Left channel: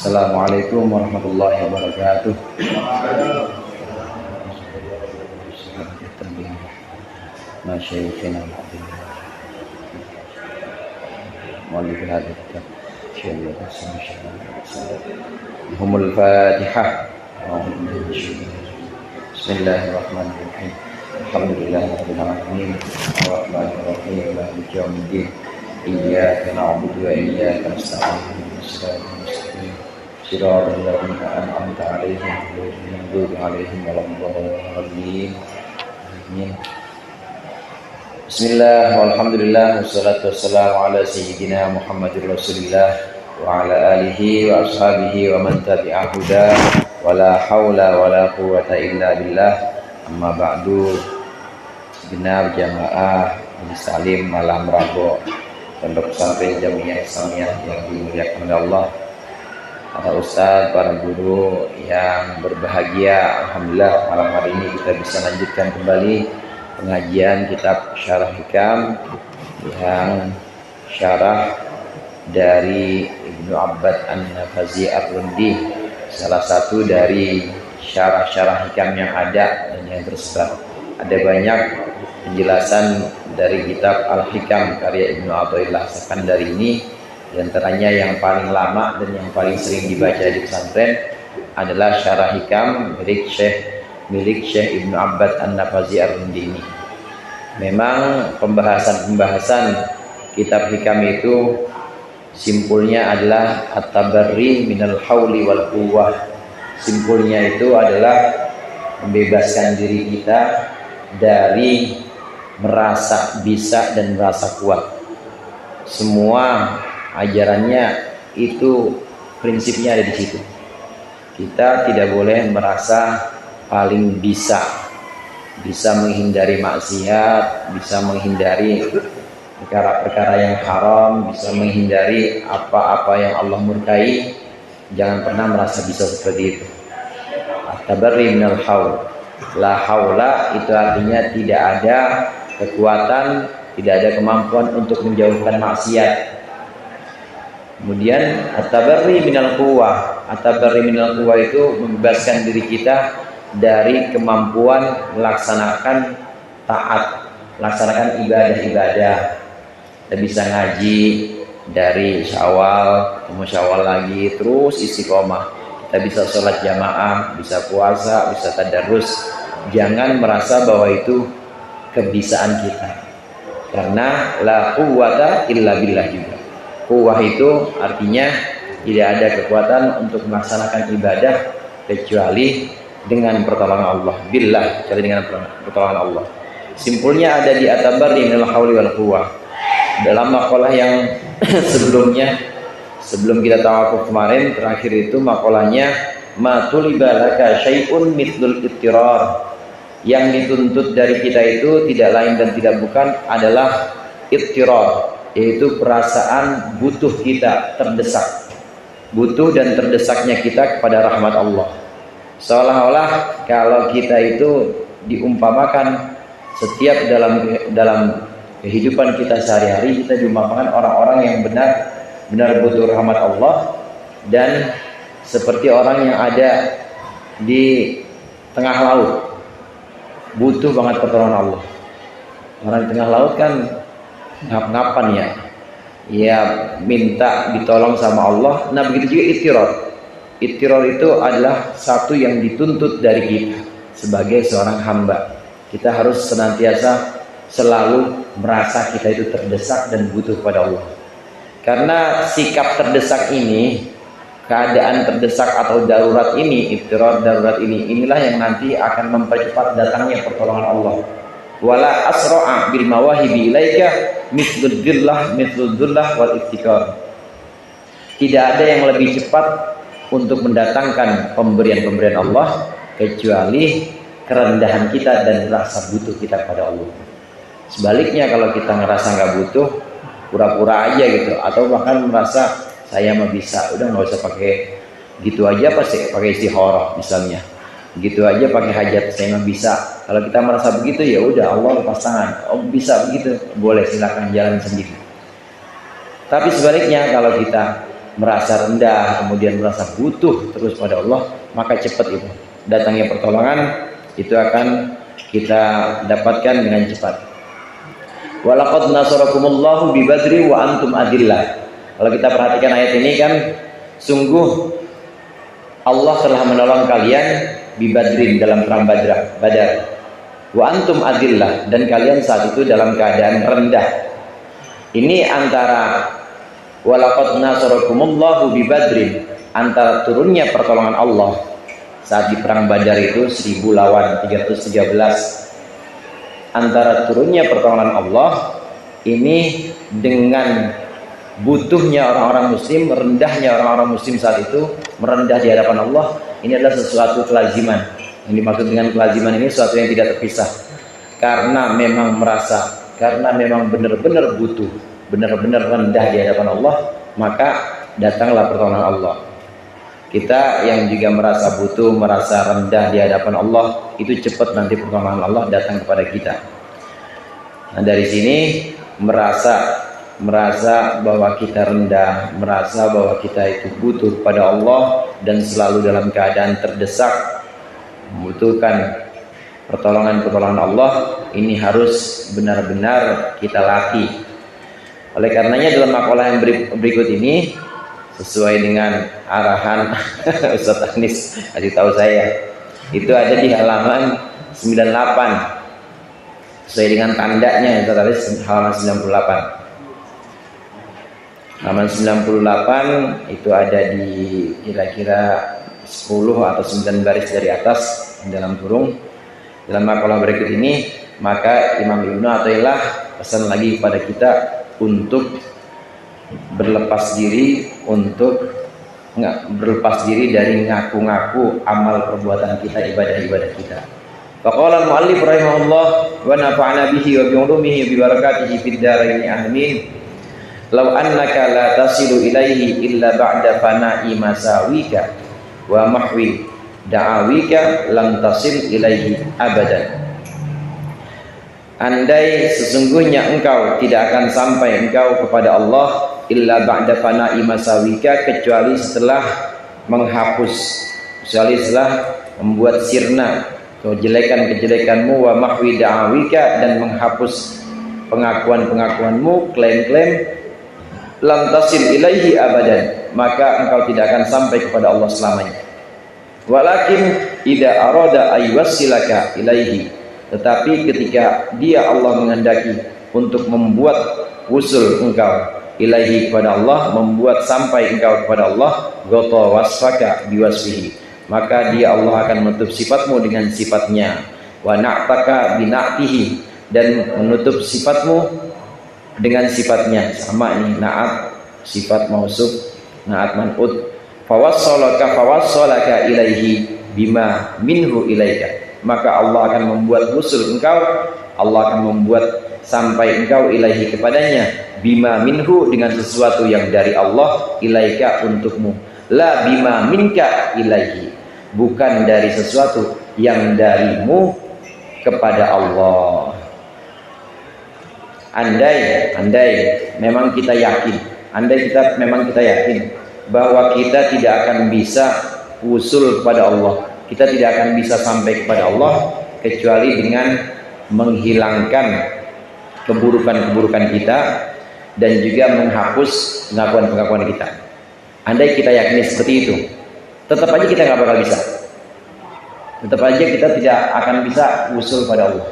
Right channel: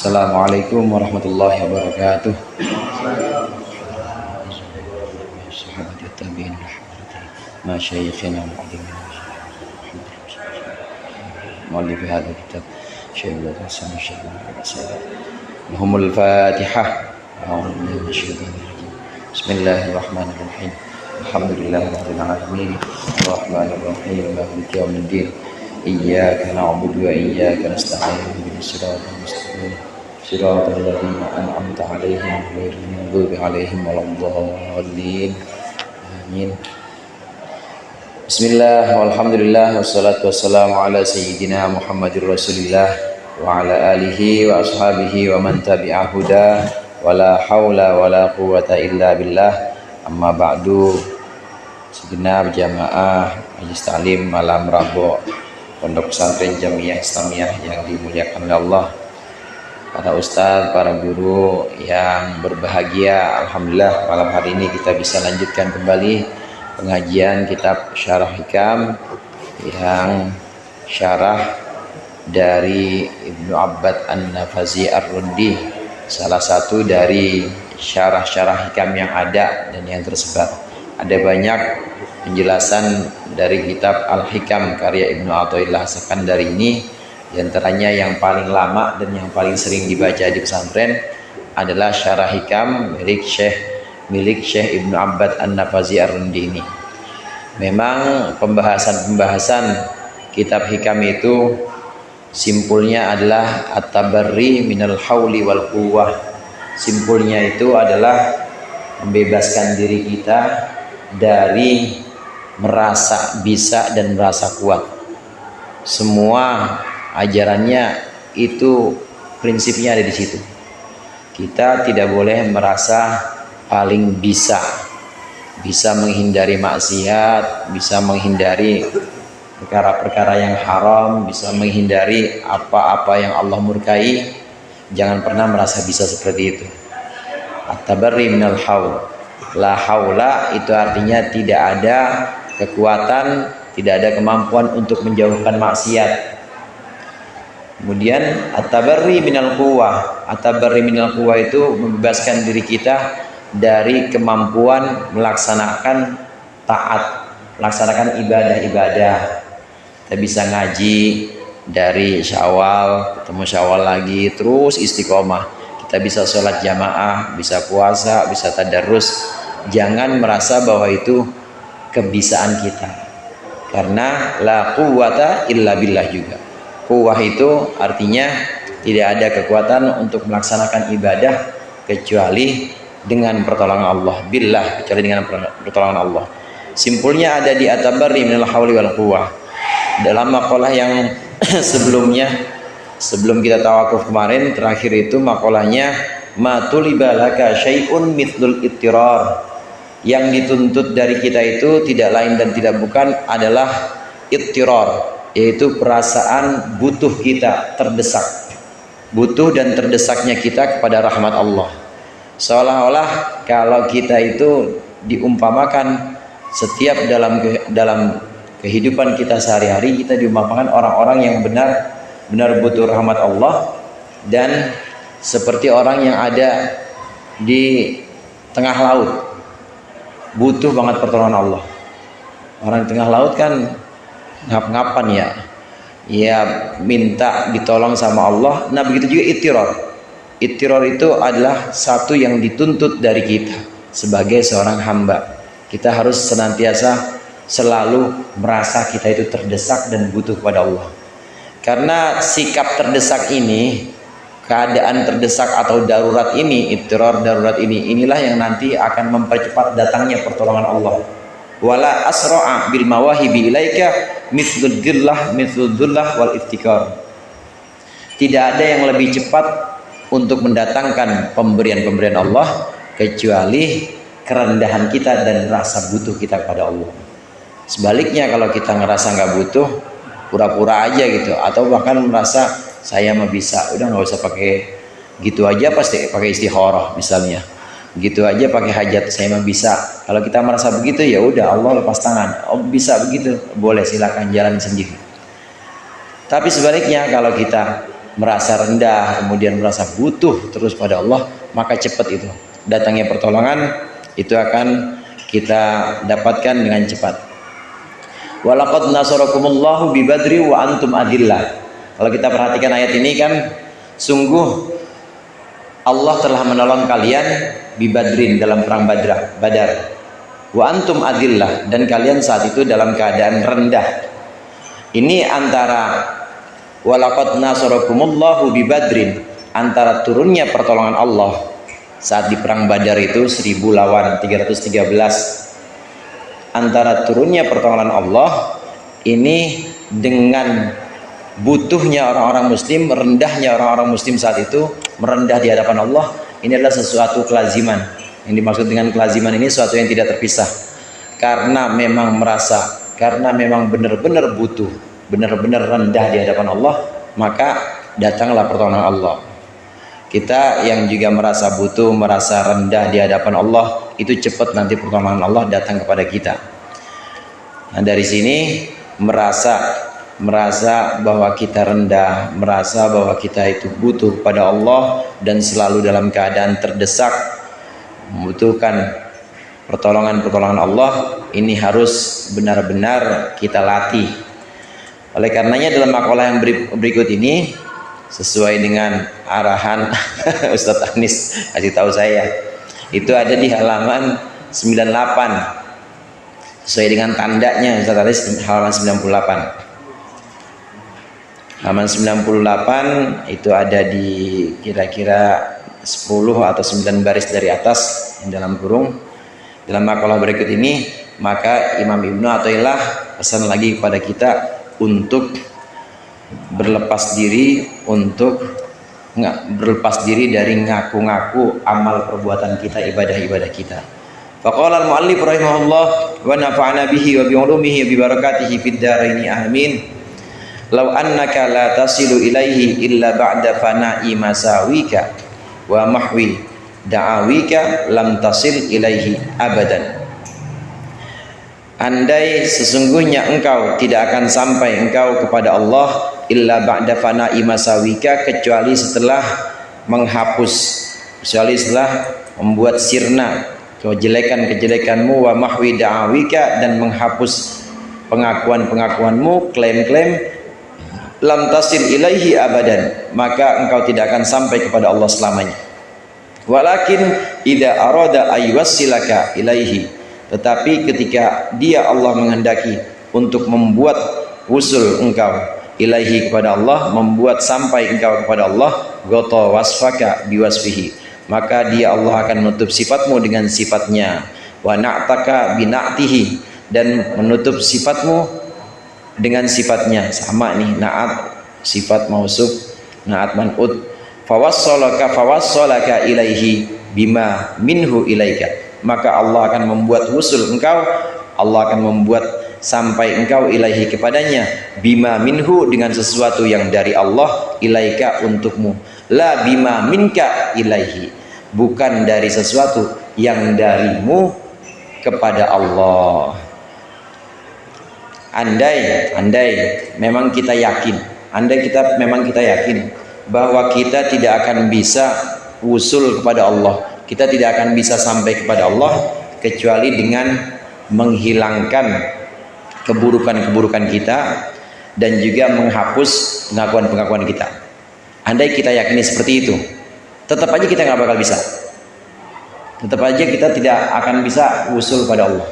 Assalamualaikum warahmatullahi wabarakatuh. Masyaikhina al-azim. Muallif hadha kitab Syaikhul Hasan Humul Fatihah. Bismillahirrahmanirrahim. Alhamdulillahirabbil alamin. Arrahmanir rahim. Maliki yaumiddin. Iyyaka na'budu wa iyyaka nasta'in. Shiratal mustaqim. Shiratal ladzina an'amta 'alaihim ghairil maghdubi 'alaihim waladdallin. Amin. Bismillah, walhamdulillah, wassalatu wassalamu ala sayyidina Muhammadur Rasulillah wa ala alihi wa ashabihi wa man tabi'a huda wa la hawla wa la quwwata illa billah. Amma ba'du. Segenap jamaah Majelis Ta'lim malam Rabu Pondok Pesantren Jamiah Islamiyah yang dimuliakan oleh Allah, para ustadz, para guru yang berbahagia. Alhamdulillah malam hari ini kita bisa lanjutkan kembali pengajian kitab Syarah Hikam yang syarah dari Ibnu Abbad An-Nafazi Ar-Rundi, salah satu dari syarah-syarah hikam yang ada dan yang tersebar. Ada banyak penjelasan dari kitab Al-Hikam karya Ibnu Athaillah As-Sakandari ini. Di antaranya yang paling lama dan yang paling sering dibaca di pesantren adalah Syarah Hikam milik Syekh Ibnu Abbad An-Nafazi Ar-Rundi ini. Memang pembahasan kitab hikam itu simpulnya adalah at-tabarri minal hauli wal quwwah. Simpulnya itu adalah membebaskan diri kita dari merasa bisa dan merasa kuat. Semua ajarannya itu prinsipnya ada di situ. Kita tidak boleh merasa paling bisa menghindari maksiat, bisa menghindari perkara-perkara yang haram, bisa menghindari apa-apa yang Allah murkai. Jangan pernah merasa bisa seperti itu. At-tabarri minal haul. La haula itu artinya tidak ada kekuatan, tidak ada kemampuan untuk menjauhkan maksiat. Kemudian at-tabarri minal quwwah. At-tabarri minal quwwah itu membebaskan diri kita dari kemampuan melaksanakan taat, melaksanakan ibadah-ibadah. Kita bisa ngaji dari Syawal, ketemu Syawal lagi, terus istiqomah. Kita bisa sholat jamaah, bisa puasa, bisa tadarrus. Jangan merasa bahwa itu kebisaan kita, karena la quwwata illa billah juga. Quwwah itu artinya tidak ada kekuatan untuk melaksanakan ibadah kecuali dengan pertolongan Allah. Billah, kecuali dengan pertolongan Allah. Simpulnya ada di at-tabarri minal hauli wal quwwah. Dalam makalah yang sebelumnya, sebelum kita tawakuf kemarin, terakhir itu makalahnya ma tuliba laka syai'un mithlul ittirar. Yang dituntut dari kita itu tidak lain dan tidak bukan adalah ittirar, yaitu perasaan butuh kita, terdesak. Butuh dan terdesaknya kita kepada rahmat Allah. Seolah-olah kalau kita itu diumpamakan setiap dalam kehidupan kita sehari-hari, kita diumpamakan orang-orang yang benar butuh rahmat Allah, dan seperti orang yang ada di tengah laut, butuh banget pertolongan Allah. Orang di tengah laut kan ngap-ngapan ya minta ditolong sama Allah. Nah begitu juga ittirar. Ittirar itu adalah satu yang dituntut dari kita sebagai seorang hamba. Kita harus senantiasa selalu merasa kita itu terdesak dan butuh kepada Allah. Karena sikap terdesak ini, keadaan terdesak atau darurat ini, ittirar darurat ini, inilah yang nanti akan mempercepat datangnya pertolongan Allah. Wala asra'a bil mawahibi ilaika mithlud dhillah wal iftikar. Tidak ada yang lebih cepat untuk mendatangkan pemberian-pemberian Allah kecuali kerendahan kita dan rasa butuh kita kepada Allah. Sebaliknya kalau kita ngerasa nggak butuh, pura-pura aja gitu, atau bahkan merasa saya mah bisa, udah nggak usah pakai gitu aja, pasti pakai istikharah misalnya, gitu aja pakai hajat, saya mah bisa. Kalau kita merasa begitu, ya udah Allah lepas tangan. Oh bisa begitu, boleh, silakan jalan sendiri. Tapi sebaliknya kalau kita merasa rendah, kemudian merasa butuh terus pada Allah, maka cepat itu datangnya pertolongan itu akan kita dapatkan dengan cepat. Walaqad nasarakumullahu bi Badri wa antum adillah. Kalau kita perhatikan ayat ini kan, sungguh Allah telah menolong kalian bi Badrin dalam perang Badar. Wa antum adillah, dan kalian saat itu dalam keadaan rendah. Ini antara walaqad nasarakumullahu bi Badrin, antara turunnya pertolongan Allah saat di perang Badar itu 1000 lawan 313, antara turunnya pertolongan Allah ini dengan butuhnya orang-orang muslim, rendahnya orang-orang muslim saat itu, merendah di hadapan Allah. Ini adalah sesuatu kelaziman. Yang dimaksud dengan kelaziman ini sesuatu yang tidak terpisah, karena memang merasa, karena memang benar-benar butuh, benar-benar rendah di hadapan Allah, maka datanglah pertolongan Allah. Kita yang juga merasa butuh, merasa rendah di hadapan Allah, itu cepat nanti pertolongan Allah datang kepada kita. Nah, dari sini merasa bahwa kita rendah, merasa bahwa kita itu butuh pada Allah dan selalu dalam keadaan terdesak, membutuhkan pertolongan Allah, ini harus benar-benar kita latih. Oleh karenanya dalam makalah yang berikut ini, sesuai dengan arahan Ustadz Anis kasih tahu saya, itu ada di halaman 98, sesuai dengan tandanya Ustadz Anis, halaman 98. Halaman 98 itu ada di kira-kira 10 atau 9 baris dari atas dalam kurung. Dalam makalah berikut ini, maka Imam Ibnu Athaillah pesan lagi kepada kita untuk berlepas diri, berlepas diri dari ngaku-ngaku amal perbuatan kita, ibadah-ibadah kita. Faqala al-muallif rahimahullah wa nafa'ana bihi wa bi ulumihi bi barakatihi fid dharain amin. Law annaka la tasilu ilaihi illa ba'da fana'i masawika wa mahwi da'awika lam tasil ilaihi abadan. Andai sesungguhnya engkau tidak akan sampai engkau kepada Allah illa ba'da fana'i masawika, kecuali setelah menghapus, kecuali setelah membuat sirna kejelekan-kejelekanmu, wa mahwi da'awika, dan menghapus pengakuan-pengakuanmu, klaim-klaim, lam tasil ilaihi abadan, maka engkau tidak akan sampai kepada Allah selamanya. Walakin idza arada ayyusilaka ilaihi, tetapi ketika dia Allah menghendaki untuk membuat wusul engkau ilaihi kepada Allah, membuat sampai engkau kepada Allah, ghata wasfaka biwasfihi, maka dia Allah akan menutup sifatmu dengan sifatnya, wa na'taka bina'tihi, dan menutup sifatmu dengan sifatnya. Sama nih, na'at sifat mausuf, na'at man'ud. Fawassalaka ilaihi bima minhu ilaika, maka Allah akan membuat wusul engkau, Allah akan membuat sampai engkau ilaihi kepadanya, bima minhu, dengan sesuatu yang dari Allah, ilaika untukmu, la bima minka ilaihi, bukan dari sesuatu yang darimu kepada Allah. Andai memang kita yakin, bahwa kita tidak akan bisa wusul kepada Allah, kita tidak akan bisa sampai kepada Allah kecuali dengan menghilangkan keburukan-keburukan kita dan juga menghapus pengakuan-pengakuan kita. Andai kita yakini seperti itu, tetap aja kita nggak bakal bisa. Tetap aja kita tidak akan bisa wusul pada Allah.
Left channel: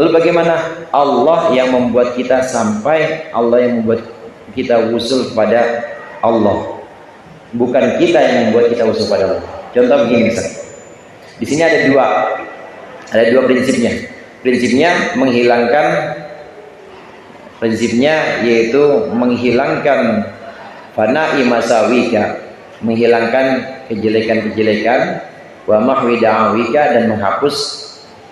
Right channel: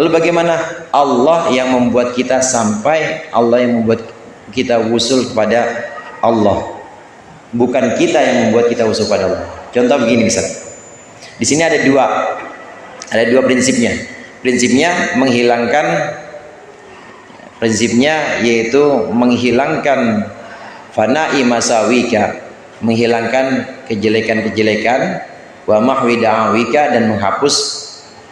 Lalu bagaimana? Allah yang membuat kita sampai, Allah yang membuat kita wusul kepada Allah, bukan kita yang membuat kita wusul pada Allah. Contoh begini misalnya, di sini ada dua prinsipnya. Prinsipnya yaitu menghilangkan fana'i masawika, menghilangkan kejelekan-kejelekan, wa mahwi da'awika, dan menghapus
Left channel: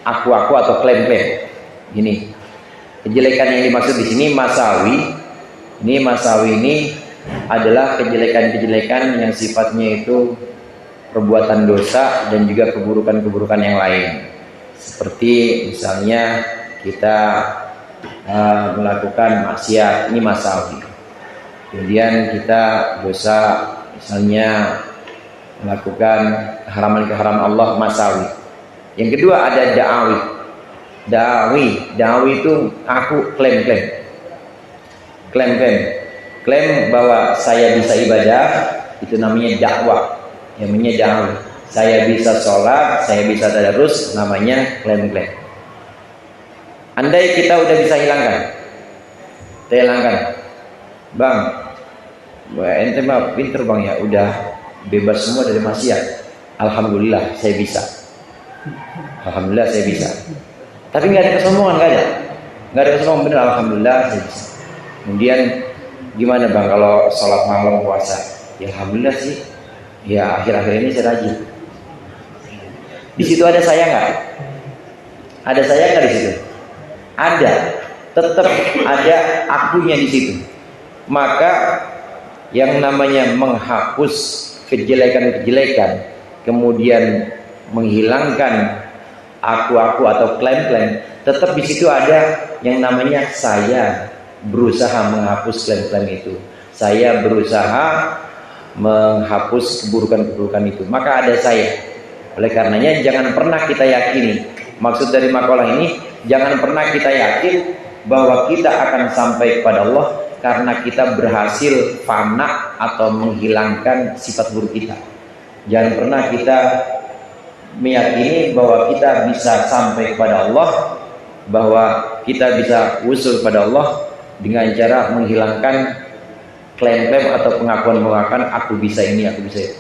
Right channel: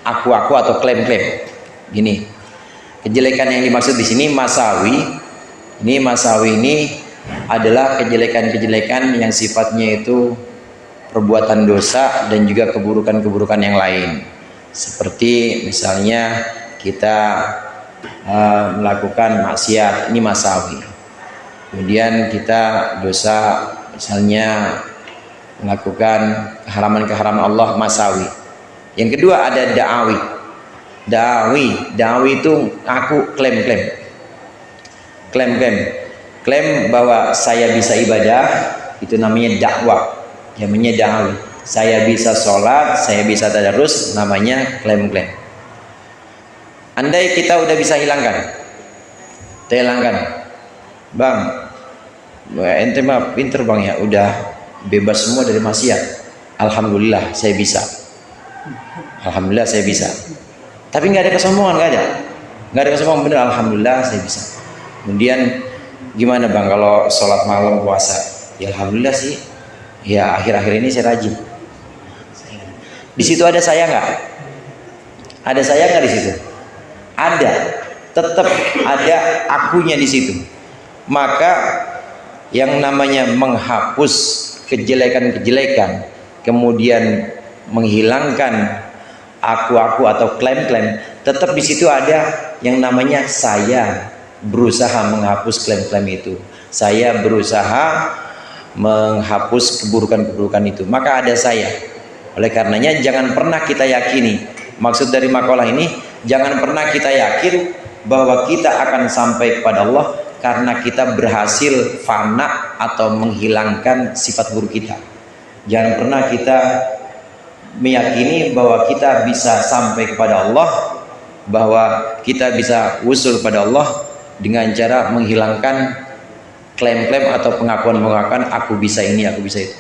aku atau klaim-klaim. Gini, kejelekan yang dimaksud di sini masawi. Masawi ini adalah kejelekan-kejelekan yang sifatnya itu perbuatan dosa dan juga keburukan-keburukan yang lain. Seperti misalnya kita melakukan maksiat, ini masawi. Kemudian kita dosa misalnya melakukan keharaman-keharaman Allah masawi. Yang kedua ada da'awi. Da'awi itu aku klaim bahwa saya bisa ibadah, itu namanya dakwah, yang namanya da'awi. Saya bisa sholat, saya bisa tadarus, namanya klaim. Andai kita udah bisa hilangkan, bang, ente mah pinter bang ya, udah bebas semua dari maksiat. Alhamdulillah saya bisa. Tapi nggak ada kesombongan, nggak ada kesombongan, bener. Alhamdulillah saya bisa. Kemudian gimana bang kalau sholat malam puasa? Ya alhamdulillah sih. Ya akhir-akhir ini saya rajin. Di situ ada saya nggak? Ada saya nggak di situ? Ada. Tetap ada akunya di situ. Maka yang namanya menghapus kejelekan-kejelekan, kemudian menghilangkan aku atau klaim-klaim, tetap di situ ada yang namanya saya berusaha menghapus klaim-klaim itu. Saya berusaha menghapus keburukan-keburukan itu. Maka ada saya. Oleh karenanya jangan pernah kita yakini, maksud dari makalah ini, jangan pernah kita yakin bahwa kita akan sampai kepada Allah karena kita berhasil fana atau menghilangkan sifat buruk kita. Jangan pernah kita meyakini bahwa kita bisa sampai kepada Allah, bahwa kita bisa usul pada Allah dengan cara menghilangkan klaim-klaim atau pengakuan-pengakuan aku bisa ini, aku bisa itu.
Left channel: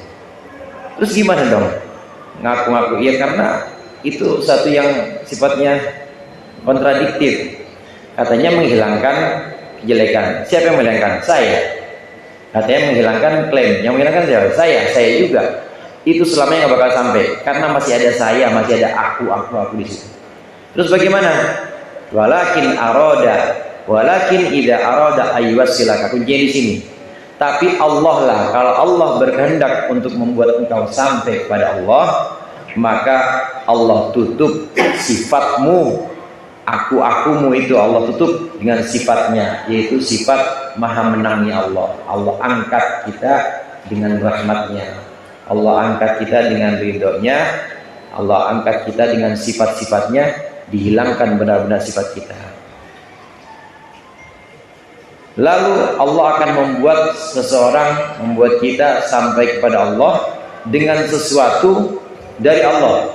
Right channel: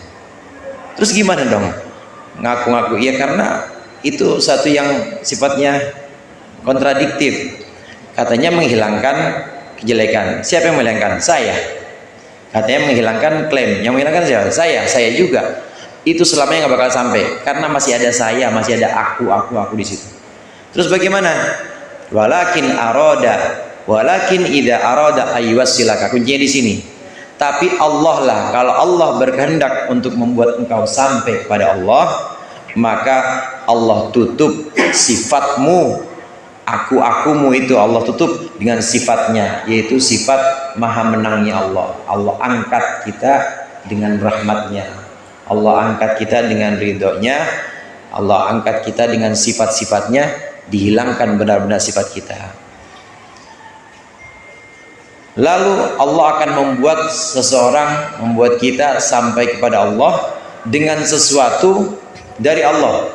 Terus gimana dong? Ngaku-ngaku ya, karena itu satu yang sifatnya kontradiktif. Katanya menghilangkan kejelekan. Siapa yang menghilangkan? Saya. Katanya menghilangkan klaim. Yang menghilangkan siapa? Saya juga. Itu selamanya nggak bakal sampai karena masih ada saya, masih ada aku di situ. Terus bagaimana? Walakin idza arada ayyusilaka. Kuncinya di sini. Tapi Allah lah, kalau Allah berkehendak untuk membuat engkau sampai kepada Allah, maka Allah tutup sifatmu, akumu itu Allah tutup dengan sifatnya, yaitu sifat maha menangnya Allah. Allah angkat kita dengan rahmatnya, Allah angkat kita dengan ridhonya, Allah angkat kita dengan sifat-sifatnya, dihilangkan benar-benar sifat kita. Lalu Allah akan membuat kita sampai kepada Allah dengan sesuatu dari Allah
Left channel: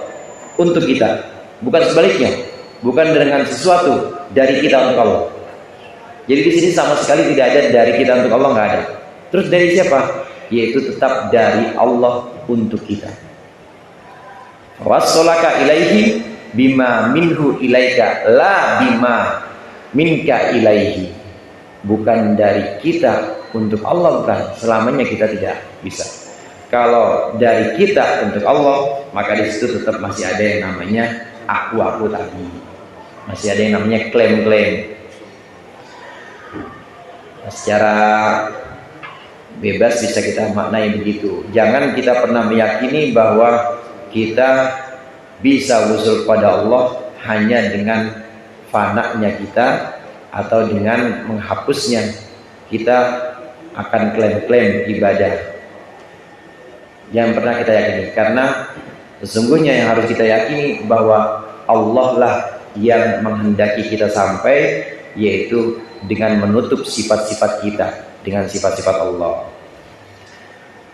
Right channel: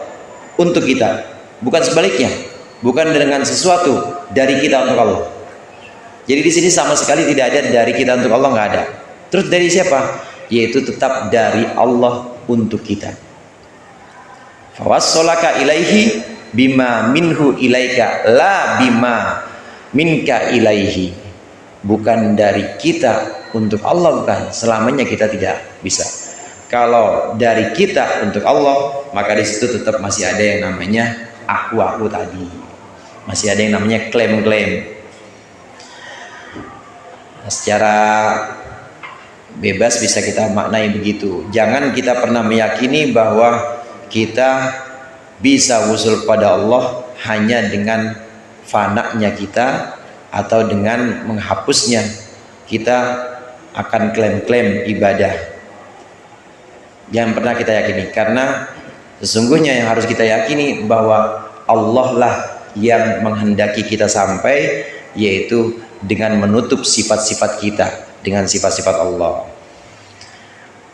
untuk kita, bukan sebaliknya, bukan dengan sesuatu dari kita untuk Allah. Jadi di sini sama sekali tidak ada dari kita untuk Allah, nggak ada. Terus dari siapa? Yaitu tetap dari Allah untuk kita. Fawassalaka ilaihi bima minhu ilaika la bima minka ilaihi. Bukan dari kita untuk Allah, bukan. Selamanya kita tidak bisa. Kalau dari kita untuk Allah, maka di situ tetap masih ada yang namanya aku tadi. Masih ada yang namanya klaim-klaim. Nah, secara bebas bisa kita maknai begitu. Jangan kita pernah meyakini bahwa kita bisa usul pada Allah hanya dengan fananya kita atau dengan menghapusnya kita akan klaim-klaim ibadah. Jangan pernah kita yakini, karena sesungguhnya yang harus kita yakini bahwa Allah lah yang menghendaki kita sampai, yaitu dengan menutup sifat-sifat kita dengan sifat-sifat Allah.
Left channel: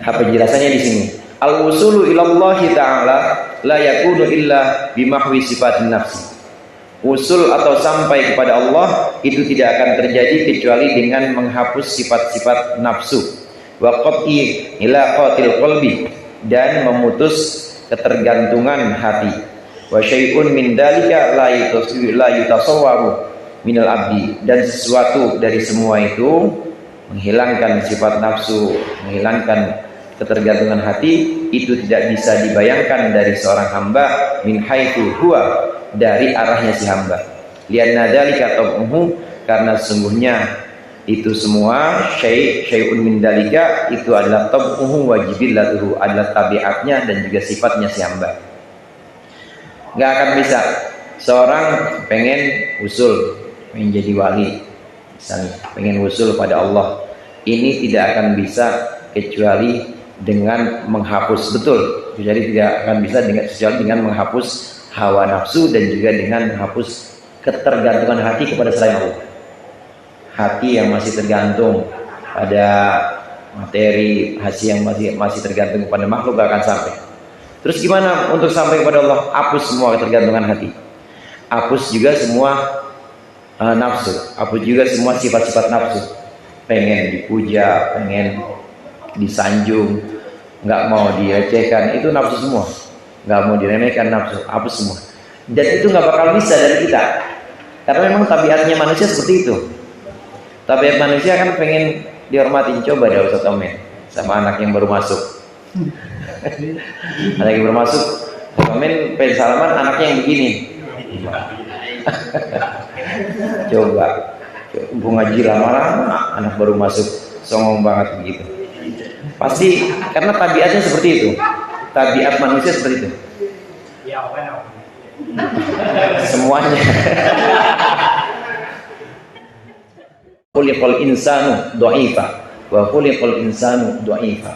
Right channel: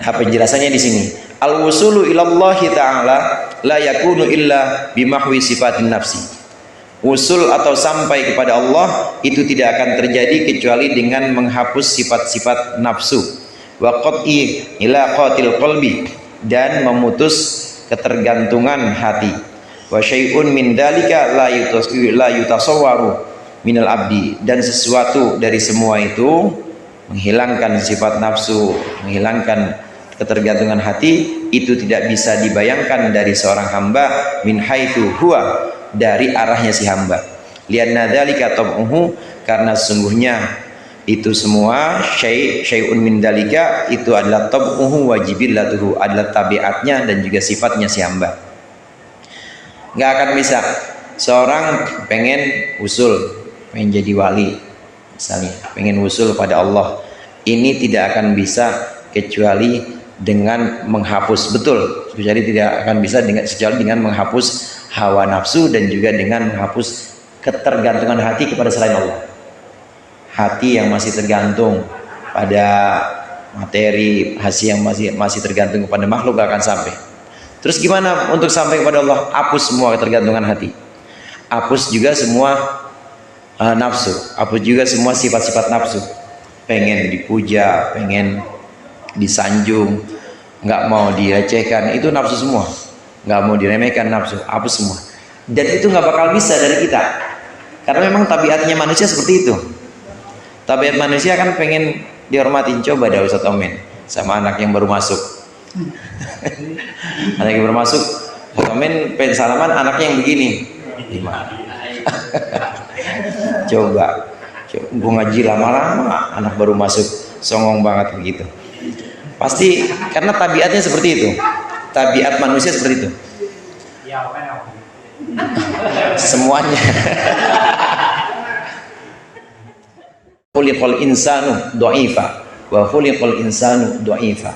Nah, penjelasannya di sini, al-wusulu ilallahi ta'ala la yakunu illa bimahwi sifatin nafsi. Usul atau sampai kepada Allah itu tidak akan terjadi kecuali dengan menghapus sifat-sifat nafsu, wa qat'i ilaqatil qalbi, dan memutus ketergantungan hati, wa syai'un min dalika la yutasawwaru minal abdi, dan sesuatu dari semua itu, menghilangkan sifat nafsu, menghilangkan ketergantungan hati, itu tidak bisa dibayangkan dari seorang hamba, min haitsu huwa, dari arahnya si hamba. Lianna dzalika tab'uhu, karena sesungguhnya itu semua syai'un min dzalika itu adalah tab'uhu wa jibillatuhu, adalah tabiatnya dan juga sifatnya si hamba. Enggak akan bisa seorang pengen usul, pengen jadi wali misalnya, pengen usul pada Allah, Ini tidak akan bisa kecuali dengan menghapus, betul, kecuali tidak akan bisa kecuali dengan menghapus hawa nafsu dan juga dengan menghapus ketergantungan hati kepada selain Allah. Hati yang masih tergantung pada materi, hati yang masih tergantung kepada makhluk gak akan sampai. Terus gimana untuk sampai kepada Allah? Hapus semua ketergantungan hati, hapus juga semua nafsu, hapus juga semua sifat-sifat nafsu. Pengen dipuja, pengen disanjung, nggak mau dilecehkan, itu nafsu semua. Nggak mau diremehkan, nafsu, hapus semua. Dan itu nggak bakal bisa dari kita, karena memang tabiatnya manusia seperti itu. Tabiat manusia kan pengen dihormatin. Coba dah Ustaz Omen sama anak yang baru masuk. Anak yang baru masuk, Ustaz Omen pengen salaman, anaknya yang begini. Coba gue ngaji lama-lama, anak baru masuk songong banget begitu. Pasti karena tabiatnya seperti itu. Tabiat manusia seperti itu. Semuanya. Khuliqal insanu dha'ifa wa khuliqal insanu dha'ifa.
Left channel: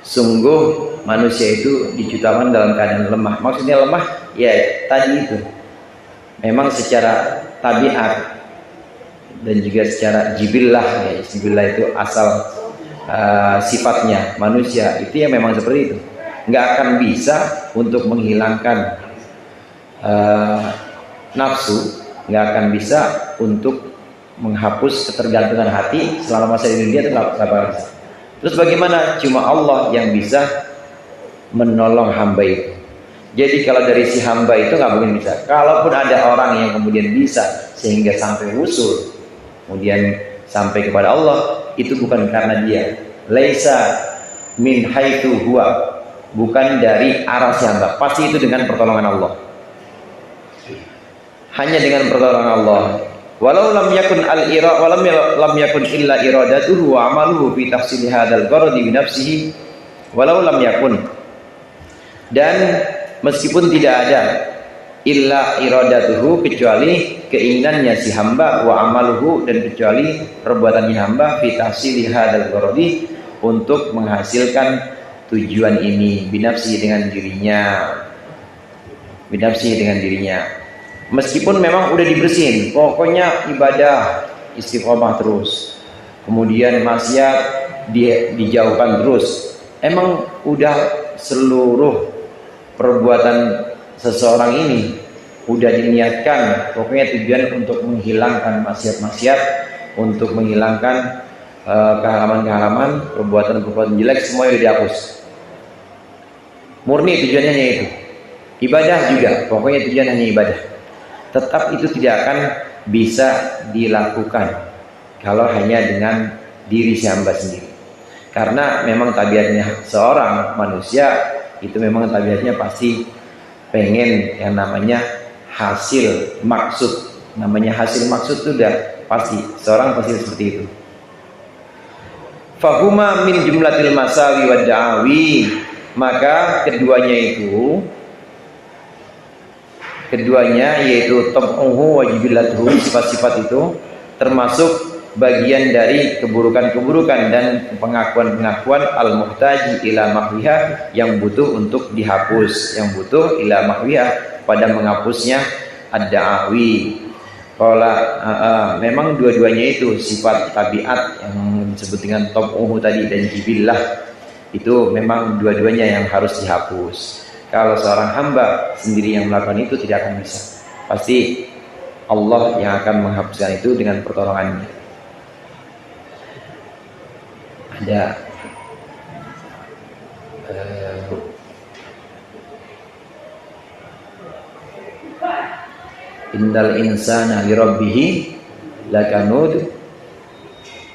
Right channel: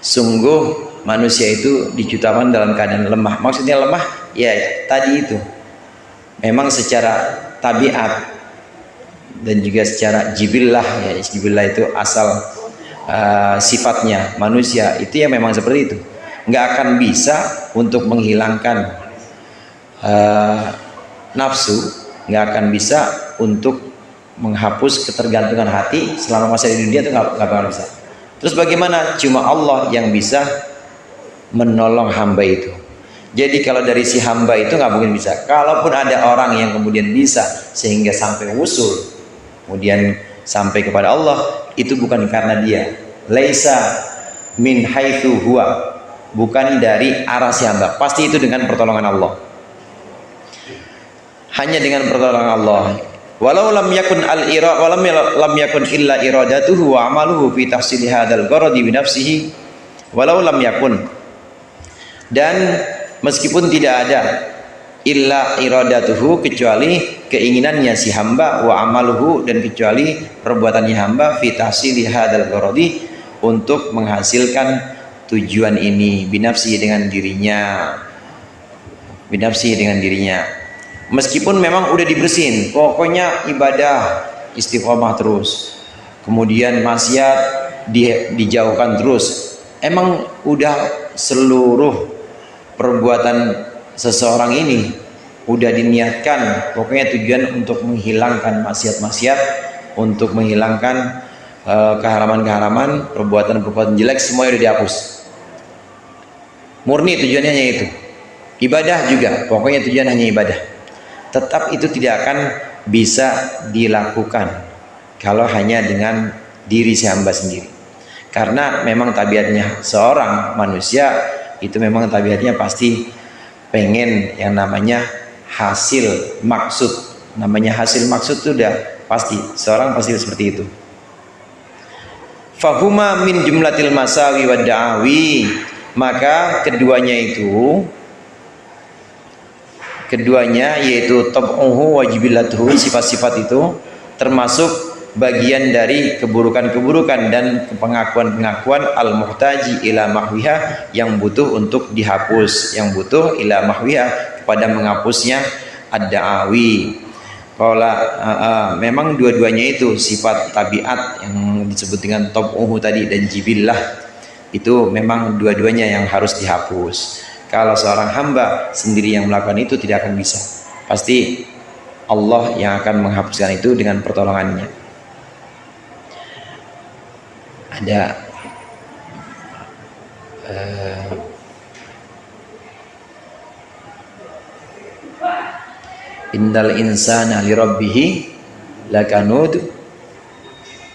Sungguh manusia itu diciptakan dalam keadaan lemah. Maksudnya lemah ya tadi itu. Memang secara tabiat dan juga secara jibillah, ya jibillah itu asal sifatnya manusia itu ya memang seperti itu. Nggak akan bisa untuk menghilangkan nafsu, nggak akan bisa untuk menghapus ketergantungan hati selama masa di dunia, itu nggak bakal bisa. Terus bagaimana? Cuma Allah yang bisa menolong hamba itu. Jadi kalau dari si hamba itu nggak mungkin bisa. Kalaupun ada orang yang kemudian bisa sehingga sampai wusul, kemudian sampai kepada Allah, itu bukan karena dia. Laisa min haitsu huwa, bukan dari arah si hamba. Pasti itu dengan pertolongan Allah. Hanya dengan pertolongan Allah. Walau lam yakun lam yakun illa iradatuhu wa amaluhu fi tahsili hadzal gharadi bi nafsihi. Walau lam yakun, dan meskipun tidak ada illa iradatuhu, kecuali keinginannya si hamba, wa amaluhu, dan kecuali perbuatannya hamba, fi tahsili hadzal gharadi, untuk menghasilkan tujuan ini, binafsi, dengan dirinya, binafsi, dengan dirinya. Meskipun memang udah dibersihin, pokoknya ibadah istiqomah terus, kemudian maksiat dijauhkan terus. Emang udah seluruh perbuatan seseorang ini udah diniatkan, pokoknya tujuan untuk menghilangkan maksiat-maksiat, untuk menghilangkan keharaman-keharaman, perbuatan-perbuatan jelek, semua udah dihapus. Murni tujuannya itu. Ibadah juga, pokoknya tujuan hanya ibadah. Tetap itu tidak akan bisa dilakukan kalau hanya dengan diri si hamba sendiri. Karena memang tabiatnya seorang manusia itu memang tabiatnya pasti pengen yang namanya hasil maksud. Namanya hasil maksud itu udah pasti, seorang pasti seperti itu. Fahuma min jumlatil masawi wad da'awi, maka keduanya yaitu tab'uhu wa jibilatuhu, sifat-sifat itu termasuk bagian dari keburukan-keburukan dan pengakuan-pengakuan al-muhtaji ila mahwiha, yang butuh untuk dihapus, yang butuh ila mahwiha, kepada menghapusnya ad-da'awi. Memang dua-duanya itu sifat tabiat yang disebut dengan tab'uhu tadi dan jibillah, itu memang dua-duanya yang harus dihapus. Kalau seorang hamba sendiri yang melakukan itu tidak akan bisa. Pasti Allah yang akan menghapuskan itu dengan pertolongannya. Ada innal insana li rabbih lakanud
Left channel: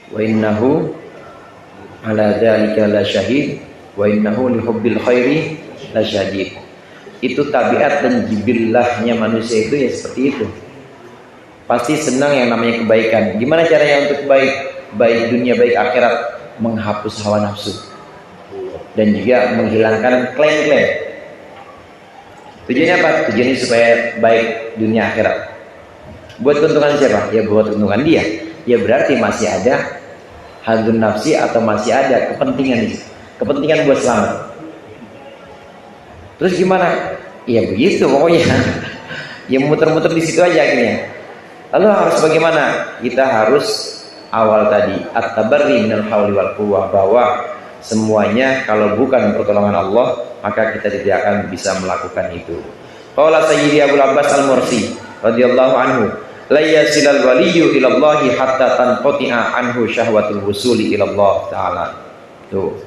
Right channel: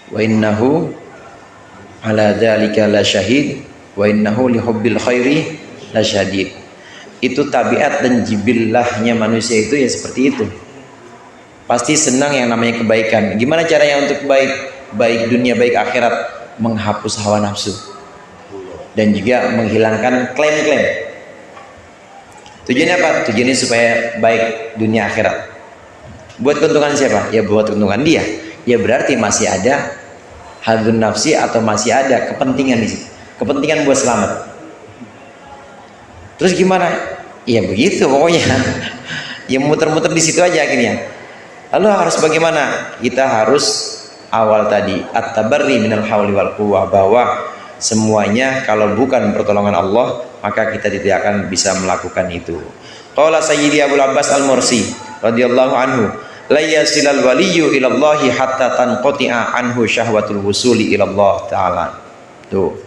wa innahu ala dzalika lasyahid wa innahu li hubbil khairi lasyadid. Itu tabiat dan jibillahnya manusia itu ya seperti itu. Pasti senang yang namanya kebaikan. Gimana caranya untuk baik dunia baik akhirat? Menghapus hawa nafsu dan juga menghilangkan klaim-klaim. Tujuannya apa? Tujuannya supaya baik dunia akhirat. Buat keuntungan siapa? Ya buat keuntungan dia. Ya berarti masih ada hadun nafsi atau masih ada kepentingan di situ, kepentingan buat selamat. Terus gimana? Ya begitu pokoknya. Ya muter-muter di situ aja akhirnya. Lalu harus bagaimana? Kita harus awal tadi at-tabarri minal hauli wal quwwah, bahwa semuanya kalau bukan pertolongan Allah maka kita tidak akan bisa melakukan itu. Qala Sayyidi Abul Abbas Al-Mursi radhiyallahu anhu, la yasilal waliyyu ilallahi hatta tanqati'a anhu syahwatul wusuli ilallah ta'ala. Tuh.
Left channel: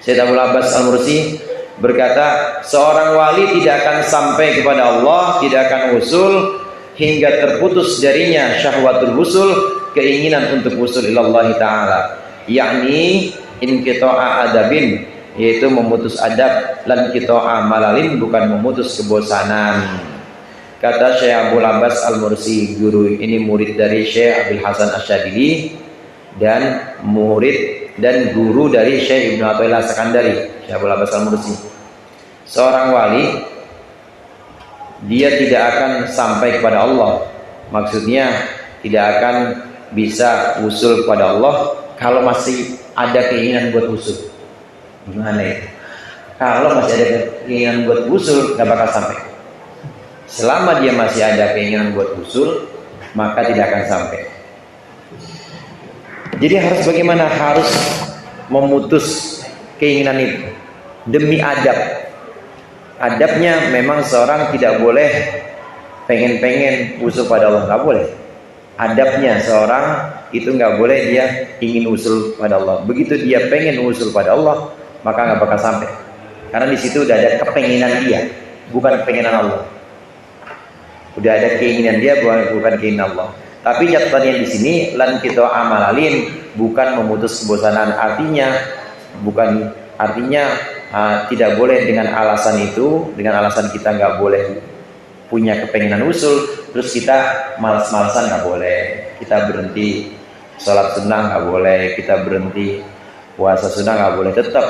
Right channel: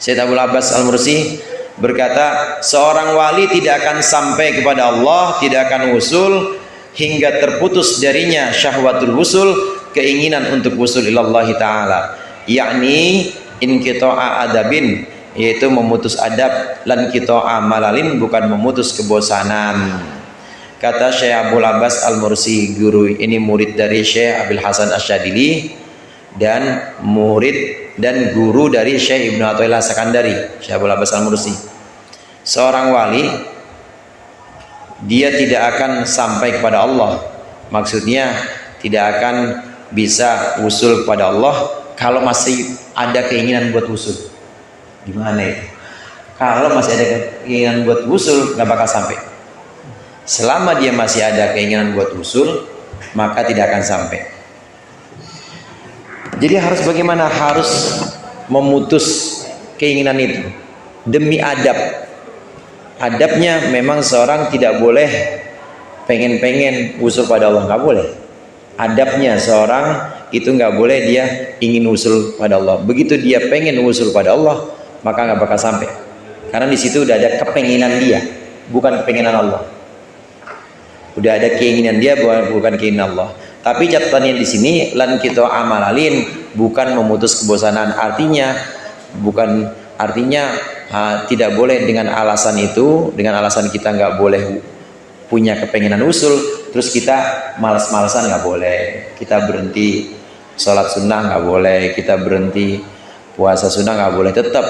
Sayyid Abul Abbas Al-Mursi berkata, seorang wali tidak akan sampai kepada Allah, tidak akan usul hingga terputus darinya syahwatul wusul, keinginan untuk wusul ilallah ta'ala, yakni inqita'a adabin, yaitu memutus adab, lan qita'a malalin, bukan memutus kebosanan. Kata Syekh Abul Abbas Al-Mursi, guru ini murid dari Syekh Abil Hasan Asyadili dan murid dan guru dari Syekh Ibnu Athaillah Sakandari, Syekh Abul Abbas Al-Mursi. Seorang wali dia tidak akan sampai kepada Allah, maksudnya tidak akan bisa usul kepada Allah kalau masih ada keinginan buat usul. Gimana ya? Kalau masih ada keinginan buat usul nggak bakal sampai. Selama dia masih ada keinginan buat usul, maka tidak akan sampai. Jadi harus bagaimana? Harus memutus keinginan itu demi adab. Adabnya memang seorang tidak boleh pengen-pengen usul pada Allah, nggak boleh. Adabnya seorang itu nggak boleh dia ingin usul pada Allah. Begitu dia pengen usul pada Allah, maka nggak bakal sampai. Karena di situ udah ada kepenginan dia, bukan kepenginan Allah. Udah ada keinginan dia, bukan keinginan Allah. Tapi catatannya di sini lan kita amalin, bukan memutus kebosanan. Artinya tidak boleh dengan alasan itu, dengan alasan kita nggak boleh punya kepenginan usul, terus kita malas-malasan nggak boleh. Kita berhenti sholat sunnah nggak boleh, kita berhenti puasa sunnah nggak boleh. Tetap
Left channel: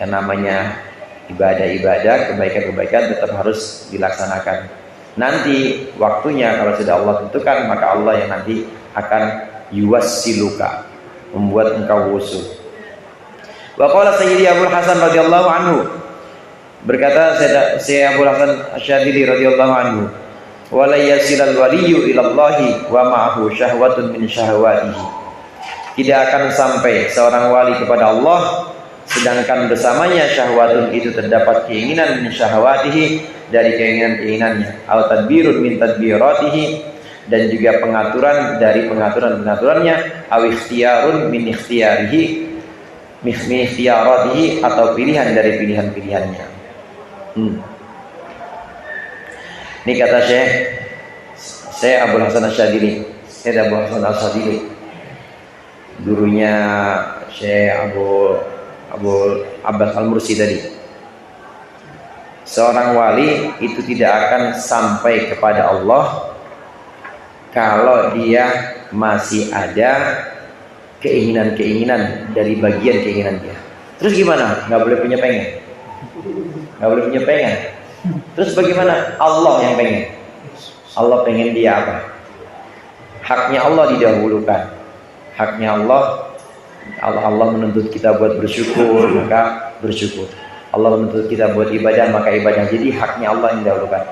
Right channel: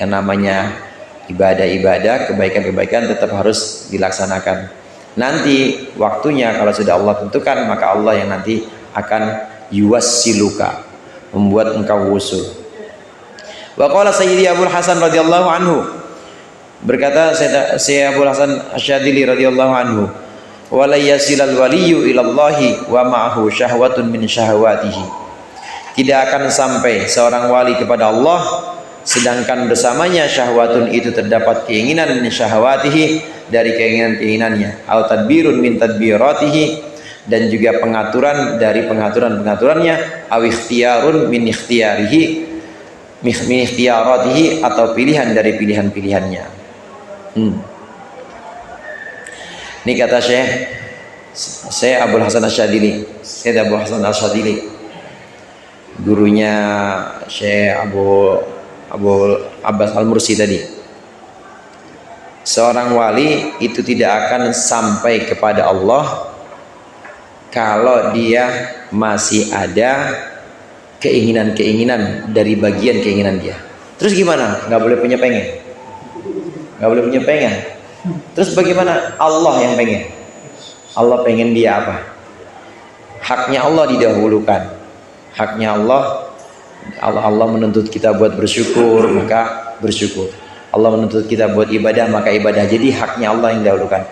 yang namanya ibadah-ibadah, kebaikan-kebaikan tetap harus dilaksanakan. Nanti waktunya kalau sudah Allah tentukan, maka Allah yang nanti akan yuwassiluka, membuat engkau wusul. Wa qala Sayyidi Abul Hasan radhiyallahu anhu, berkata Sayyid Abul Hasan Asyadili radhiyallahu anhu, wa la yasilal waliyyu ilallahi wa ma'ahu syahwatun min syahwatihi. Tidak akan sampai seorang wali kepada Allah sedangkan bersamanya syahwatun itu terdapat keinginan min syahwatihi, dari keinginan-keinginannya, au tadbirun min tadbiratihi, dan juga pengaturan dari pengaturan-pengaturannya, au ikhtiyarun min ikhtiyarihi, min ikhtiyaratihi, atau pilihan dari pilihan-pilihannya. Ini kata Syekh Abul Hasan Asyadili, Syekh Abul Hasan Asyadili, gurunya Syekh Abul Abbas Al-Mursi tadi. Seorang wali itu tidak akan sampai kepada Allah kalau dia masih ada keinginan-keinginan dari bagian keinginan dia. Terus gimana? Nggak boleh punya pengen. Nggak boleh punya pengen. Terus bagaimana? Allah yang pengen. Allah pengen dia apa? Haknya Allah didahulukan. Haknya Allah menuntut kita buat bersyukur, maka bersyukur. Allah menuntut kita buat ibadah, maka ibadah. Jadi haknya Allah yang didahulukan.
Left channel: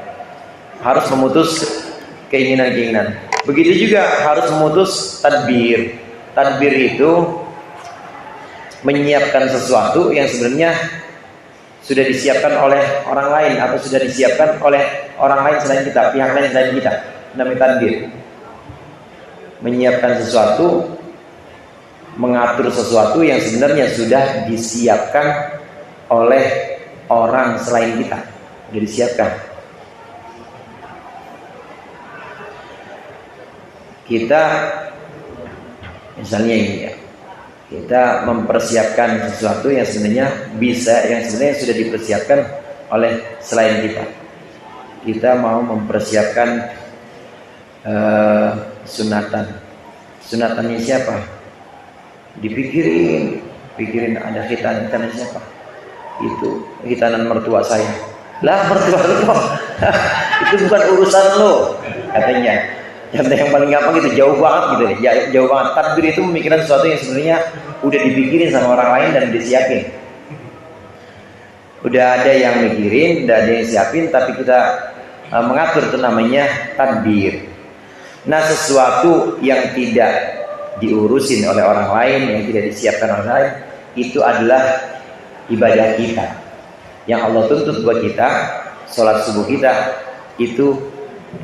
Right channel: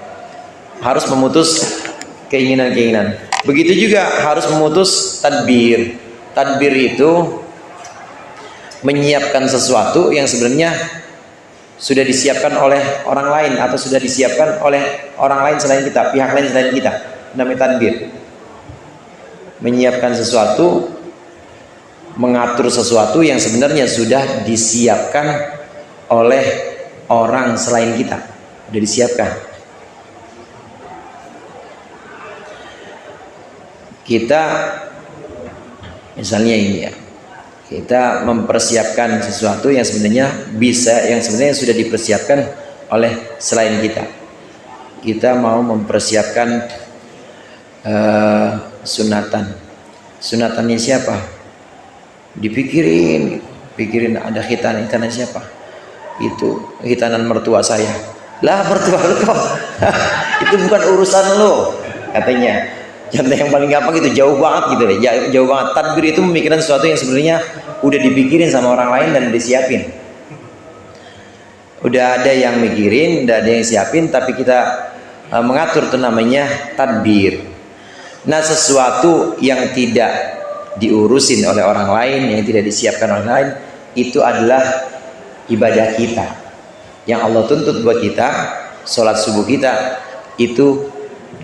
Harus memutus keinginan-keinginan. Begitu juga harus memutus tadbir. Tadbir itu menyiapkan sesuatu yang sebenarnya sudah disiapkan oleh orang lain, atau sudah disiapkan oleh orang lain selain kita, pihak lain selain kita. Namanya tadbir. Menyiapkan sesuatu, mengatur sesuatu yang sebenarnya sudah disiapkan oleh orang selain kita, sudah disiapkan. Kita misalnya ini ya, kita mempersiapkan sesuatu yang sebenarnya sudah dipersiapkan oleh selain kita. Kita mau mempersiapkan sunatannya siapa? Dipikirin ada hitannya siapa? Itu hitanan mertua saya. Lah mertua lo itu bukan urusan lo, katanya. Contoh yang paling gampang itu jauh banget gitu deh, jauh banget. Tadbir itu memikirkan sesuatu yang sebenarnya udah dipikirin sama orang lain dan disiapin. Udah ada yang mikirin, udah ada yang siapin, tapi kita mengatur, itu namanya tadbir. Nah, sesuatu yang tidak diurusin oleh orang lain, yang tidak disiapkan oleh orang lain, itu adalah ibadah kita. Yang Allah tuntut buat kita, sholat subuh kita, itu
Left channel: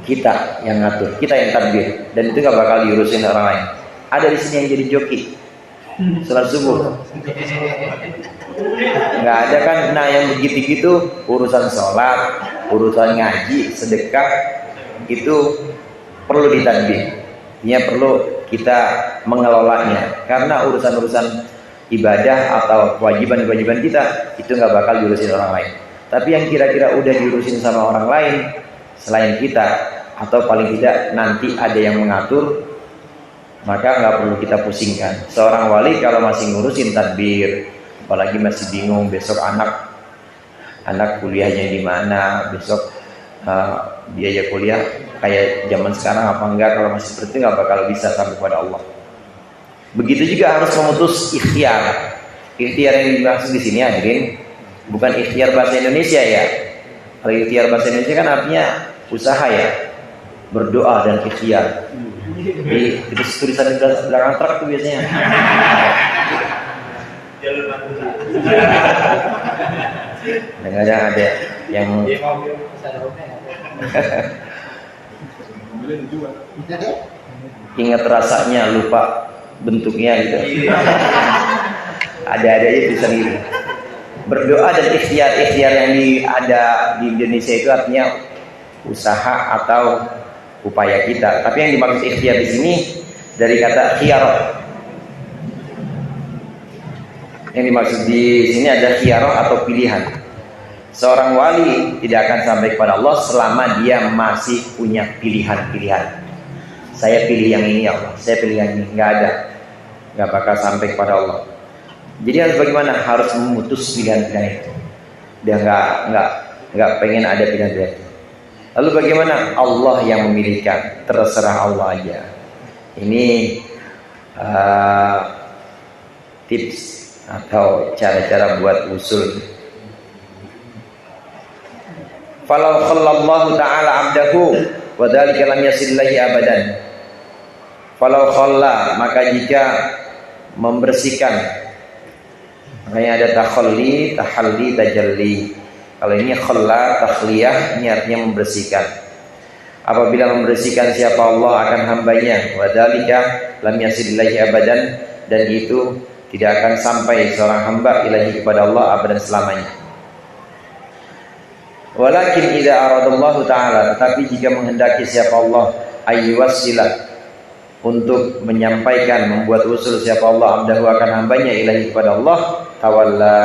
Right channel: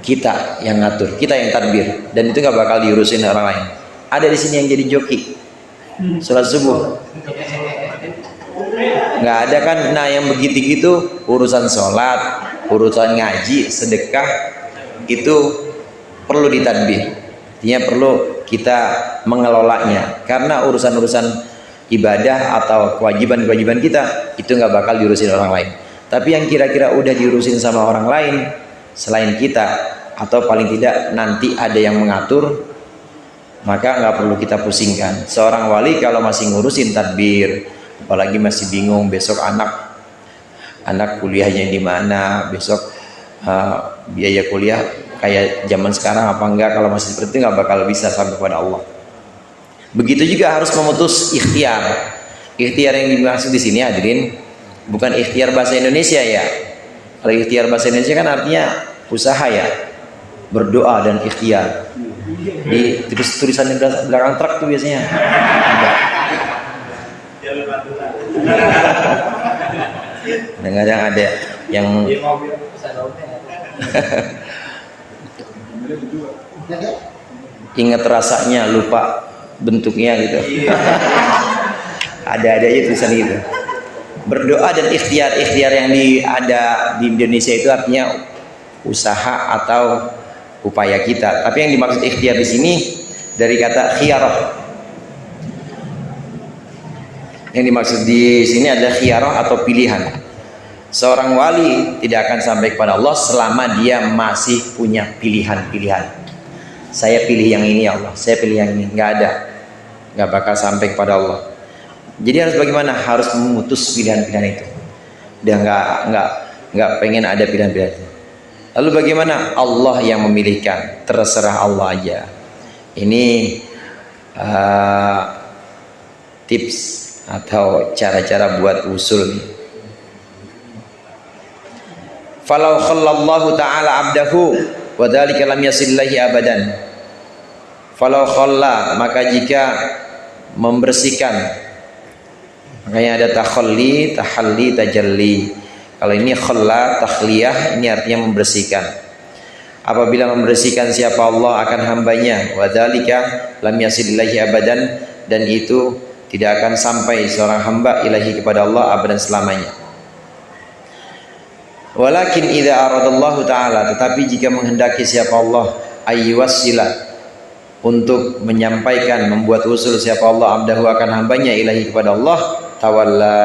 kita yang ngatur, kita yang tadbir, dan itu gak bakal diurusin orang lain. Ada di sini yang jadi joki sholat subuh, nggak ada kan? Nah, yang begitu-gitu urusan sholat, urusan ngaji, sedekah, itu perlu ditadbir. Artinya perlu kita mengelolanya, karena urusan-urusan ibadah atau kewajiban-kewajiban kita itu nggak bakal diurusin orang lain. Tapi yang kira-kira udah diurusin sama orang lain selain kita, atau paling tidak nanti ada yang mengatur, maka nggak perlu kita pusingkan. Seorang wali kalau masih ngurusin tadbir, apalagi masih bingung besok anak kuliahnya di mana, besok biaya kuliah kayak zaman sekarang apa enggak, kalau masih seperti itu nggak bakal bisa sampai kepada Allah. Begitu juga harus memutus ikhtiar. Ikhtiar yang dimaksud di sini hadirin bukan ikhtiar bahasa Indonesia ya. Kalau ikhtiar bahasa Indonesia kan artinya usaha ya, berdoa dan ikhtiar. Di tulisan di belakang truk tuh biasanya. Kadang-kadang ada yang ingat rasanya lupa bentuknya gitu. Ada aja tulisan gitu. Berdoa dan ikhtiar yang ada di Indonesia itu artinya usaha atau upaya kita. Tapi yang dimaksud ikhtiar di sini dari kata khiyar. Yang dimaksud di sini ada khiyar atau pilihan. Seorang wali tidak akan sampai kepada Allah selama dia masih punya pilihan-pilihan. Saya pilih yang ini ya Allah, saya pilih yang ini. Nggak ada, nggak bakal sampai kepada Allah. Jadi harus bagaimana? Harus memutus pilihan-pilihan itu. Dia nggak pengen ada pilihan-pilihan itu. Lalu bagaimana? Allah yang memilihkan, terserah Allah aja. Ini tips atau cara-cara buat usul. Falau khallallahu ta'ala abdahu wa dzalika lam yasillahi abadan. Falau khalla, maka jika membersihkan, makanya ada takhalli, tahalli, tajalli. Kalau ini khalla, takhliyah, ini artinya membersihkan. Apabila membersihkan siapa Allah akan hambanya, wa dzalika lam yasillahi abadan, dan itu tidak akan sampai seorang hamba ilahi kepada Allah abadan selamanya. Walakin idza aradallahu ta'ala, tetapi jika menghendaki siapa Allah ayyuwassila, untuk menyampaikan, membuat usul siapa Allah abdahu akan hambanya ilahi kepada Allah, tawalla,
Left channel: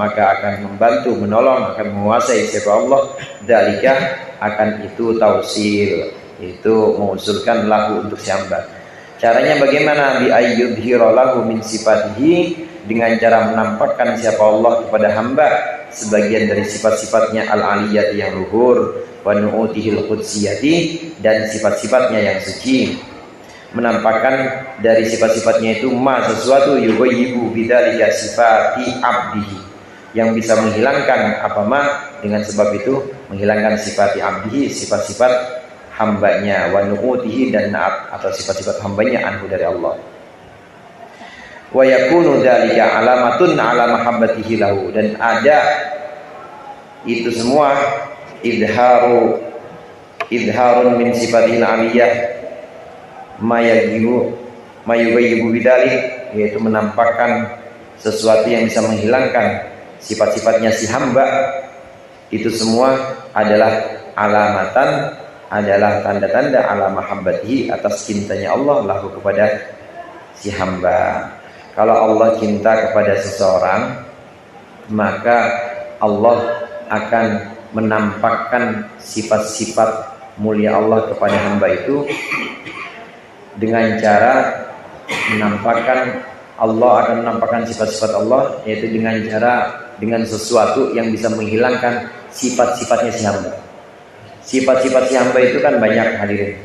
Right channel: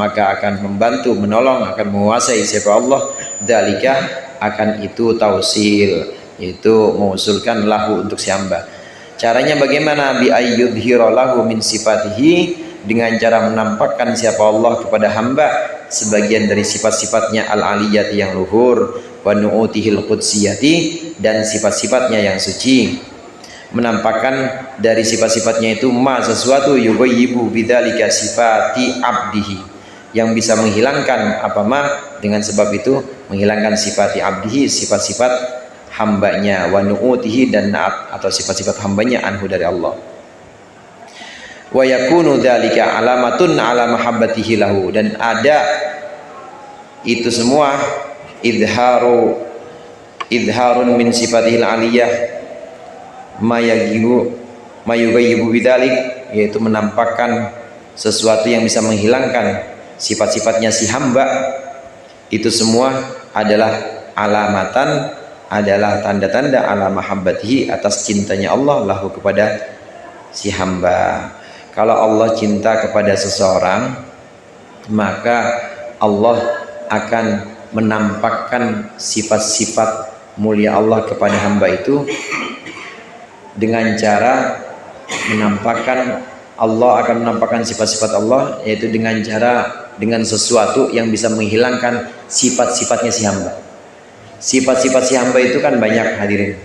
maka akan membantu, menolong, akan menguasai siapa Allah, dzalika, akan itu tausil, itu mengusulkan lahu untuk si hamba. Caranya bagaimana? Bi ayyudhira lahu min sifatihi, dengan cara menampakkan siapa Allah kepada hamba sebagian dari sifat-sifatnya al-aliyati yang luhur, wa nu'utihil qudsiyati, dan sifat-sifatnya yang suci. Menampakkan dari sifat-sifatnya itu ma, sesuatu yughayyibu bidzalika sifati abdihi, yang bisa menghilangkan apa ma, dengan sebab itu menghilangkan sifati abdihi, sifat-sifat hambanya, wa nu'utihi, dan naat atau sifat-sifat hambanya anhu dari Allah. Wa yakunu dzalika alamatun ala mahabbatihi lahu, dan ada itu semua idharun min sifatihil aliyah mayughayyibu bidzalik, yaitu menampakkan sesuatu yang bisa menghilangkan sifat-sifatnya si hamba. Itu semua adalah alamatan, adalah tanda-tanda ala mahabbatihi, atas cintanya Allah lahu kepada si hamba. Kalau Allah cinta kepada seseorang, maka Allah akan menampakkan sifat-sifat mulia Allah kepada hamba itu dengan cara menampakkan, Allah akan menampakkan sifat-sifat Allah, yaitu dengan sesuatu yang bisa menghilangkan sifat-sifatnya si hamba. Sifat-sifat si hamba itu kan banyak hadirin.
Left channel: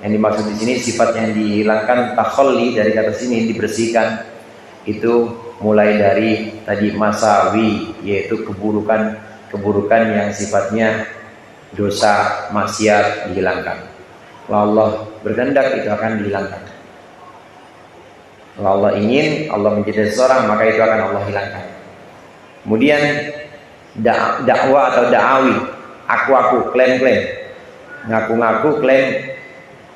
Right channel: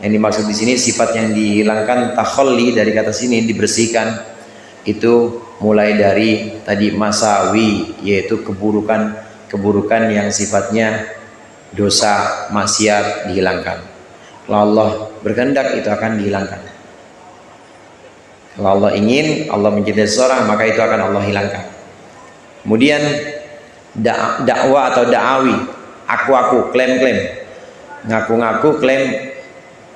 Yang dimaksud di sini sifat yang dihilangkan takhalli dari kata sini dibersihkan itu mulai dari tadi masawi, yaitu keburukan yang sifatnya dosa, maksiat dihilangkan. Kalau Allah berkehendak itu akan dihilangkan. Kalau Allah ingin, Allah mencintai seseorang, maka itu akan Allah hilangkan. Kemudian dakwah atau da'awi, aku klaim, ngaku-ngaku klaim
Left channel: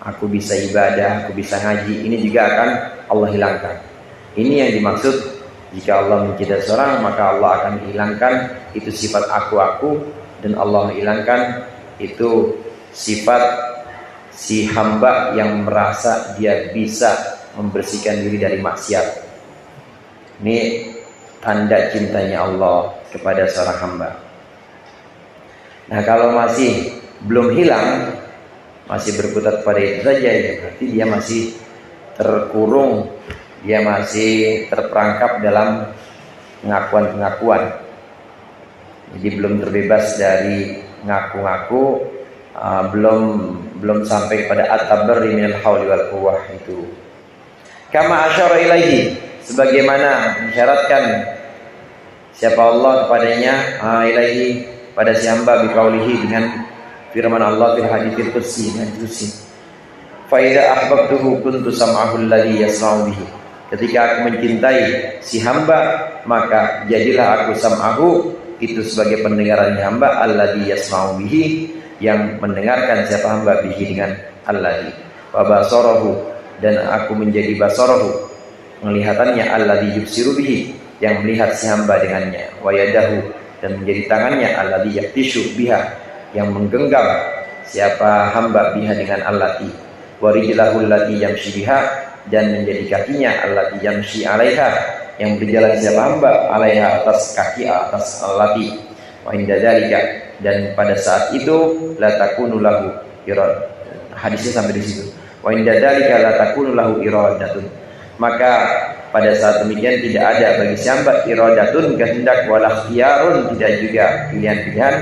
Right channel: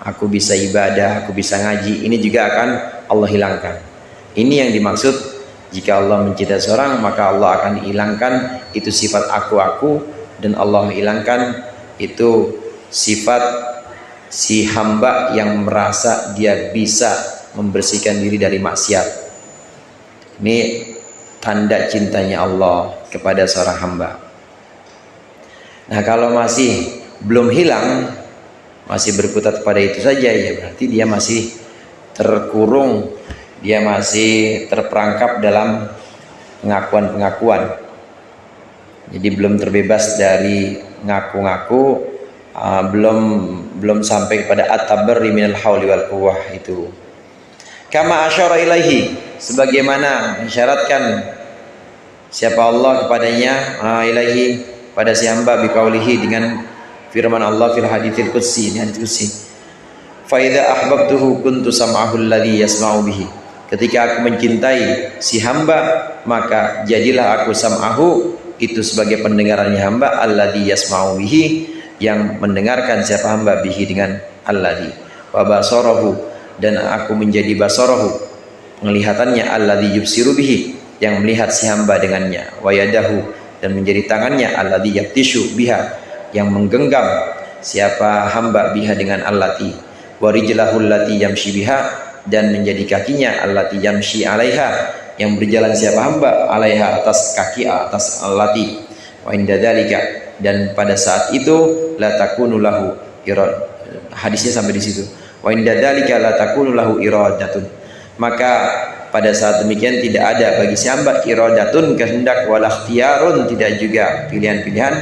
aku bisa ibadah, aku bisa ngaji, ini juga akan Allah hilangkan. Ini yang dimaksud jika Allah mencintai seorang, maka Allah akan hilangkan itu sifat aku, dan Allah hilangkan itu sifat si hamba yang merasa dia bisa membersihkan diri dari maksiat. Ini tanda cintanya Allah kepada seorang hamba. Nah, kalau masih belum hilang, masih berkutat pada itu saja, ya berarti dia masih terkurung, dia masih terperangkap dalam pengakuan-pengakuan. Jadi belum terbebas dari ngaku-ngaku, belum sampai kepada at-tabarri minal hauli wal quwwah itu. Kama asyara ilaihi, sebagaimana mensyaratkan siapa Allah kepadanya, ilaihi pada si hamba biqaulihi dengan firman Allah fil haditsil qudsi, dengan qudsi. Fa idza ahbabtuhu kuntu sam'ahu alladhi yasma'u bihi. Ketika aku mencintai si hamba, maka jadilah aku sam'ahu, itu sebagai pendengarannya hamba, alladhi yasma'u bihi, yang mendengarkan siapa hamba bihi dengan alladhi. Wa basarahu, dan aku menjadi basarahu, penglihatannya, alladhi yubsiru bihi, yang melihat si hamba dengannya. Wa yadahu, dan menjadi tangannya, alladhi yaftishu biha, yang menggenggam siapa hamba biha dengan allati. Wa rijlahu allati yamshi biha, dan menjadi kakinya, allati yamshi alaiha, yang berjalan siapa hamba alaiha, atas kaki, atas allati. Wa inda dzalika, dan pada saat itu la takunu lahu irad, hadisnya sampai di situ. Wa inda dzalika la takunu lahu iradatun, maka pada saat demikian tidak ada bagi si hamba iradatun, kehendak, wala ikhtiyarun, tidak juga pilihan-pilihan,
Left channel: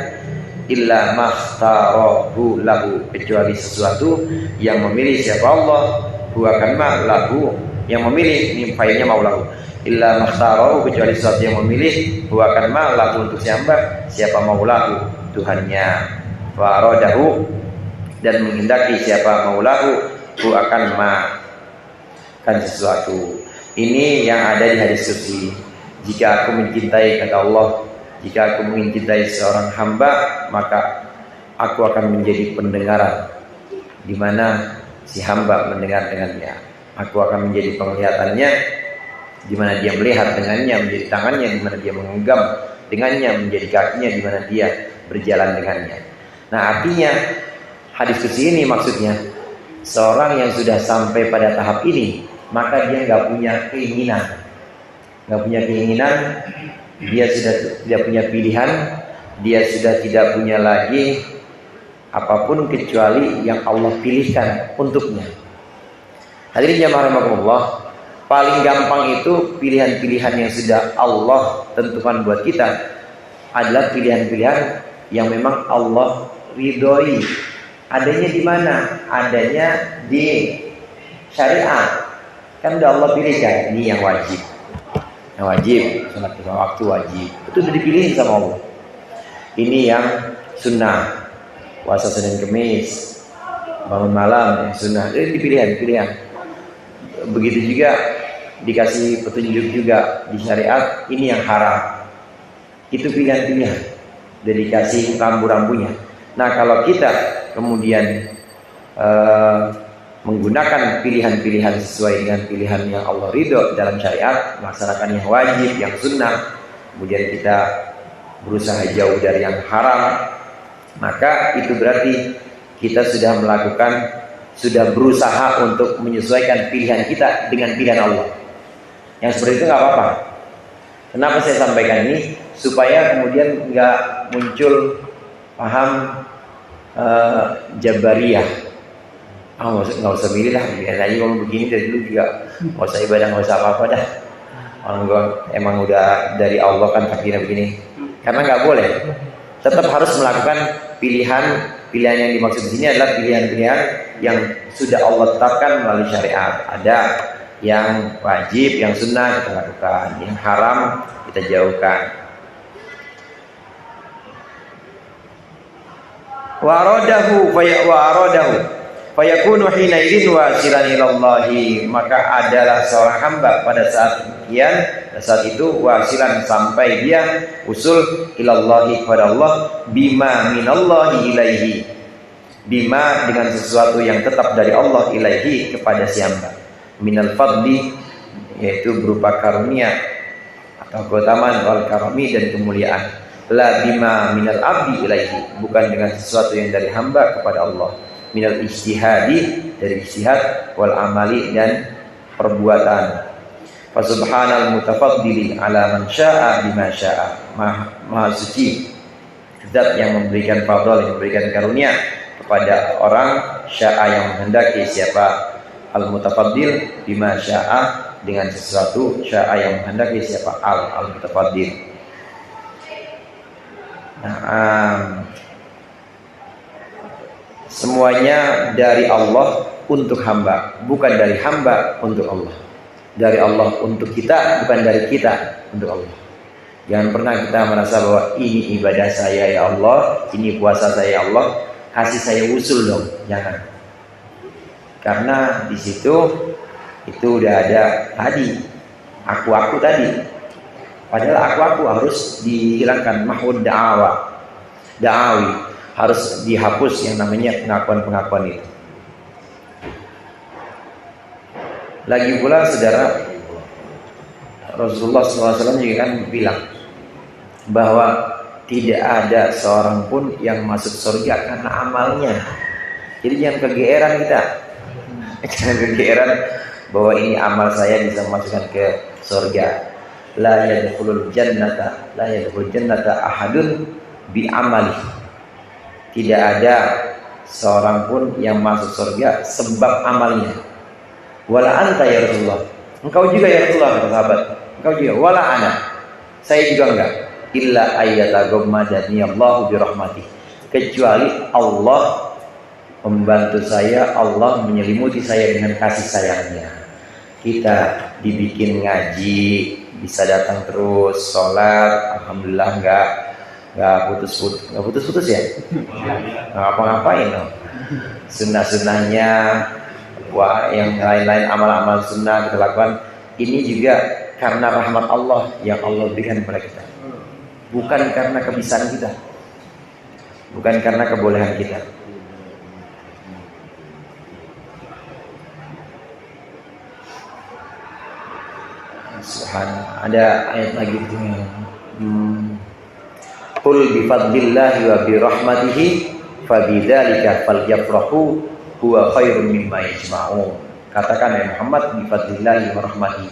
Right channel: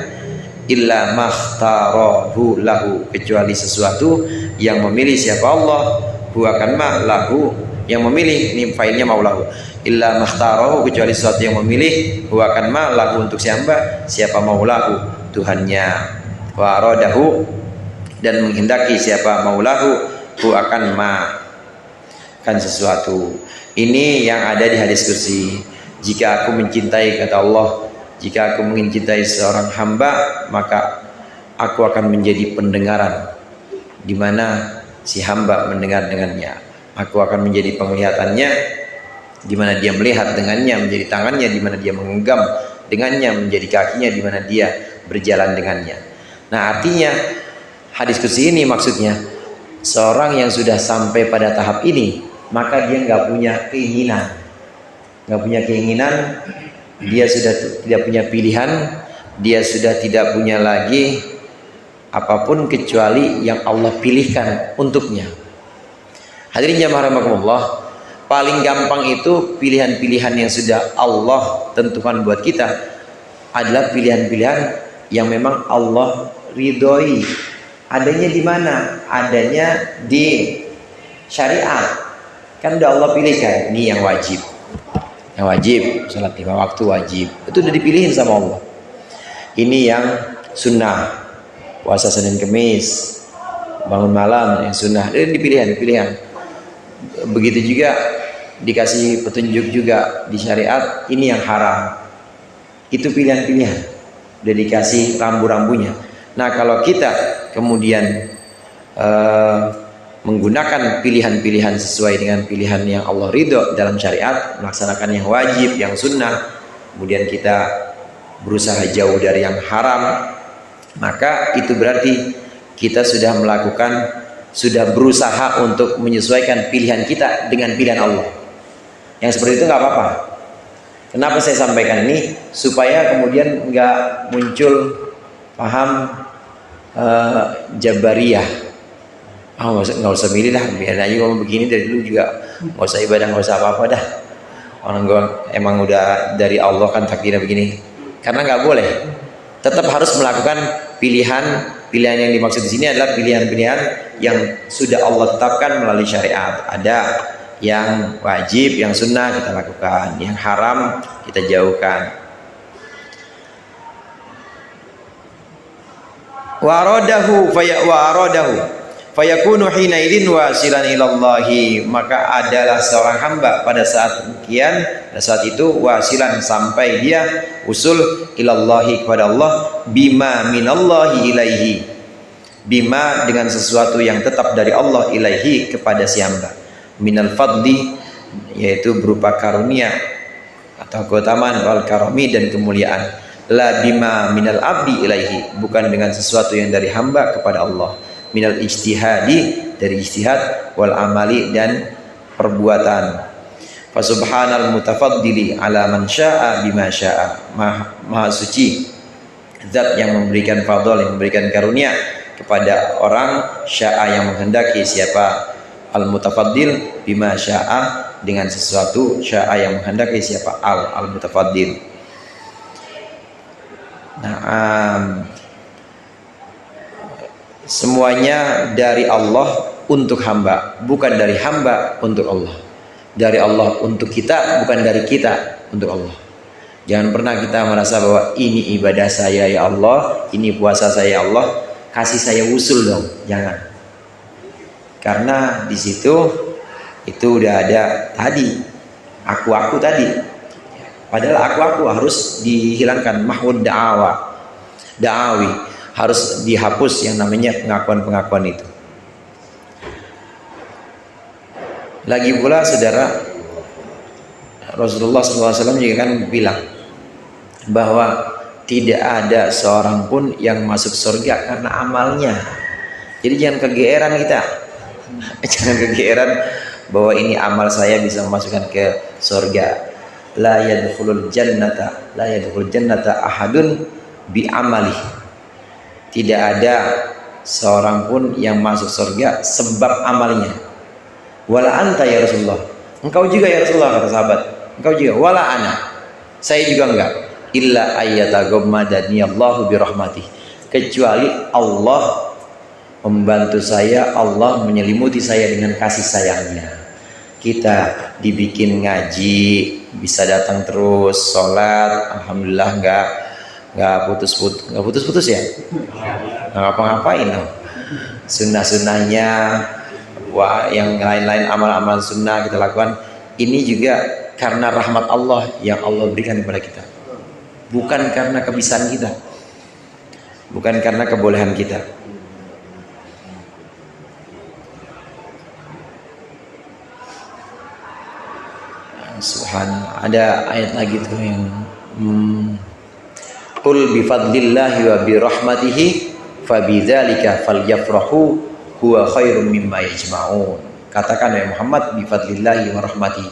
illa makhtarahu lahu, kecuali sesuatu yang memilih siapa Allah, huwa kama lahu, yang memilih, ini failnya maulahu, illa makhtarahu, kecuali sesuatu yang memilih, huwa kama lahu, untuk si hamba siapa maulahu, Tuhannya, wa aradahu, dan menghendaki siapa maulahu, hu akan kan sesuatu. Ini yang ada di hadis qudsi. Jika aku mencintai, kata Allah, jika aku mencintai seorang hamba, maka aku akan menjadi pendengaran di mana si hamba mendengar dengannya. Aku akan menjadi penglihatannya di mana dia melihat dengannya, menjadi tangannya di mana dia menggenggam dengannya, menjadi kakinya di mana dia berjalan dengannya. Nah, artinya hadis qudsi ini maksudnya seorang yang sudah sampai pada tahap ini, maka dia nggak punya keinginan, dia sudah tidak punya pilihan, dia sudah tidak punya lagi apapun kecuali yang Allah pilihkan untuknya. Hadirin jamaah rahimakumullah, paling gampang itu pilihan-pilihan yang sudah Allah tentukan buat kita adalah pilihan-pilihan yang memang Allah ridhoi. Adanya di mana? Adanya di syariat. Kan udah Allah pilih kan, ini yang wajib. Yang wajib, salat 5 waktu wajib. Itu udah dipilihin sama Allah. Ini yang sunnah, puasa Senin Kemis, bangun malam yang sunnah. Ini pilihan. Begitu juga dikasih petunjuk juga di syariat, ini yang haram. Itu pilihan-pilihan. Udah dikasih rambu-rambunya. Nah, kalau kita kemudian menggunakan pilihan-pilihan sesuai dengan pilihan yang Allah ridho dalam syariat, melaksanakan yang wajib, yang sunnah, kemudian kita berusaha jauh dari yang haram, maka itu berarti kita sudah berusaha untuk menyesuaikan pilihan kita dengan pilihan Allah. Yang seperti itu nggak apa-apa. Kenapa saya sampaikan ini? Supaya kemudian nggak muncul paham Jabariyah. Nggak usah milih lah, biar aja kalau begini dari dulu juga, nggak usah ibadah, nggak usah apa-apa dah. Orang gue emang udah dari Allah kan takdirnya begini. Karena nggak boleh, tetap harus melakukan pilihan Pilihan yang dimaksud di sini adalah pilihan-pilihan yang sudah Allah tetapkan melalui syariat. Ada yang wajib, yang sunnah kita lakukan, yang haram kita jauhkan. Wa aradahu fayakunu hina idzin wasilan ilallahi, maka adalah seorang hamba pada saat demikian, pada saat itu wasilan sampai dia usul ilallahi kepada Allah, bima minallahi ilaihi, bima dengan sesuatu yang tetap dari Allah, ilaihi kepada si hamba, minal fadli yaitu berupa karunia atau keutamaan, wal karami dan kemuliaan, la bima minal abdi ilaihi, bukan dengan sesuatu yang dari hamba kepada Allah, minal ijtihadi dari ijtihad, wal amali dan perbuatan. Fa subhanal mutafaddili ala man syaa bima syaa, maha suci zat yang memberikan fadl, yang memberikan karunia kepada orang, syaa yang menghendaki, siapa, al mutafaddil bima syaa dengan sesuatu, syaa yang menghendaki, siapa, al mutafaddil. Nah, semuanya dari Allah untuk hamba, bukan dari hamba untuk Allah. Dari Allah untuk kita, bukan dari kita untuk Allah. Jangan pernah kita merasa bahwa ini ibadah saya ya Allah, ini puasa saya ya Allah, kasih saya usul dong. Jangan. Karena di situ itu udah ada tadi aku tadi. Padahal aku harus dihilangkan, mahud da'awi, harus dihapus yang namanya pengakuan-pengakuan itu. Lagi pula saudara, Rasulullah SAW juga kan bilang bahwa tidak ada seorang pun yang masuk surga karena amalnya. Jadi jangan kegeeran kita, jangan kegeeran bahwa ini amal saya bisa memasukkan ke surga. La yadkhulul jannata ahadun bi amali. Tidak ada seorang pun yang masuk surga sebab amalnya. Wala anta ya Rasulullah, engkau juga ya Rasulullah, kata sahabat. Engkau juga. Wala ana, saya juga enggak. Illa ayyataghammadani Allahu bi rahmatih, kecuali Allah membantu saya, Allah menyelimuti saya dengan kasih sayangnya. Kita dibikin ngaji, bisa datang terus, sholat, alhamdulillah nggak putus-putus ya, nggak apa-ngapain no. Sunnah-sunnahnya, wah yang lain-lain amal-amal sunnah kita lakukan, ini juga karena rahmat Allah yang Allah berikan kepada kita, bukan karena kebisaan kita, bukan karena kebolehan kita. Subhanallah, ada ayat lagi tuh yang qul bi fadlillahi wa bi rahmatihi fabidzalika falyafrahu huwa khairum mimma yajma'un. Katakan ya Muhammad, bi fadlillahi wa rahmatihi.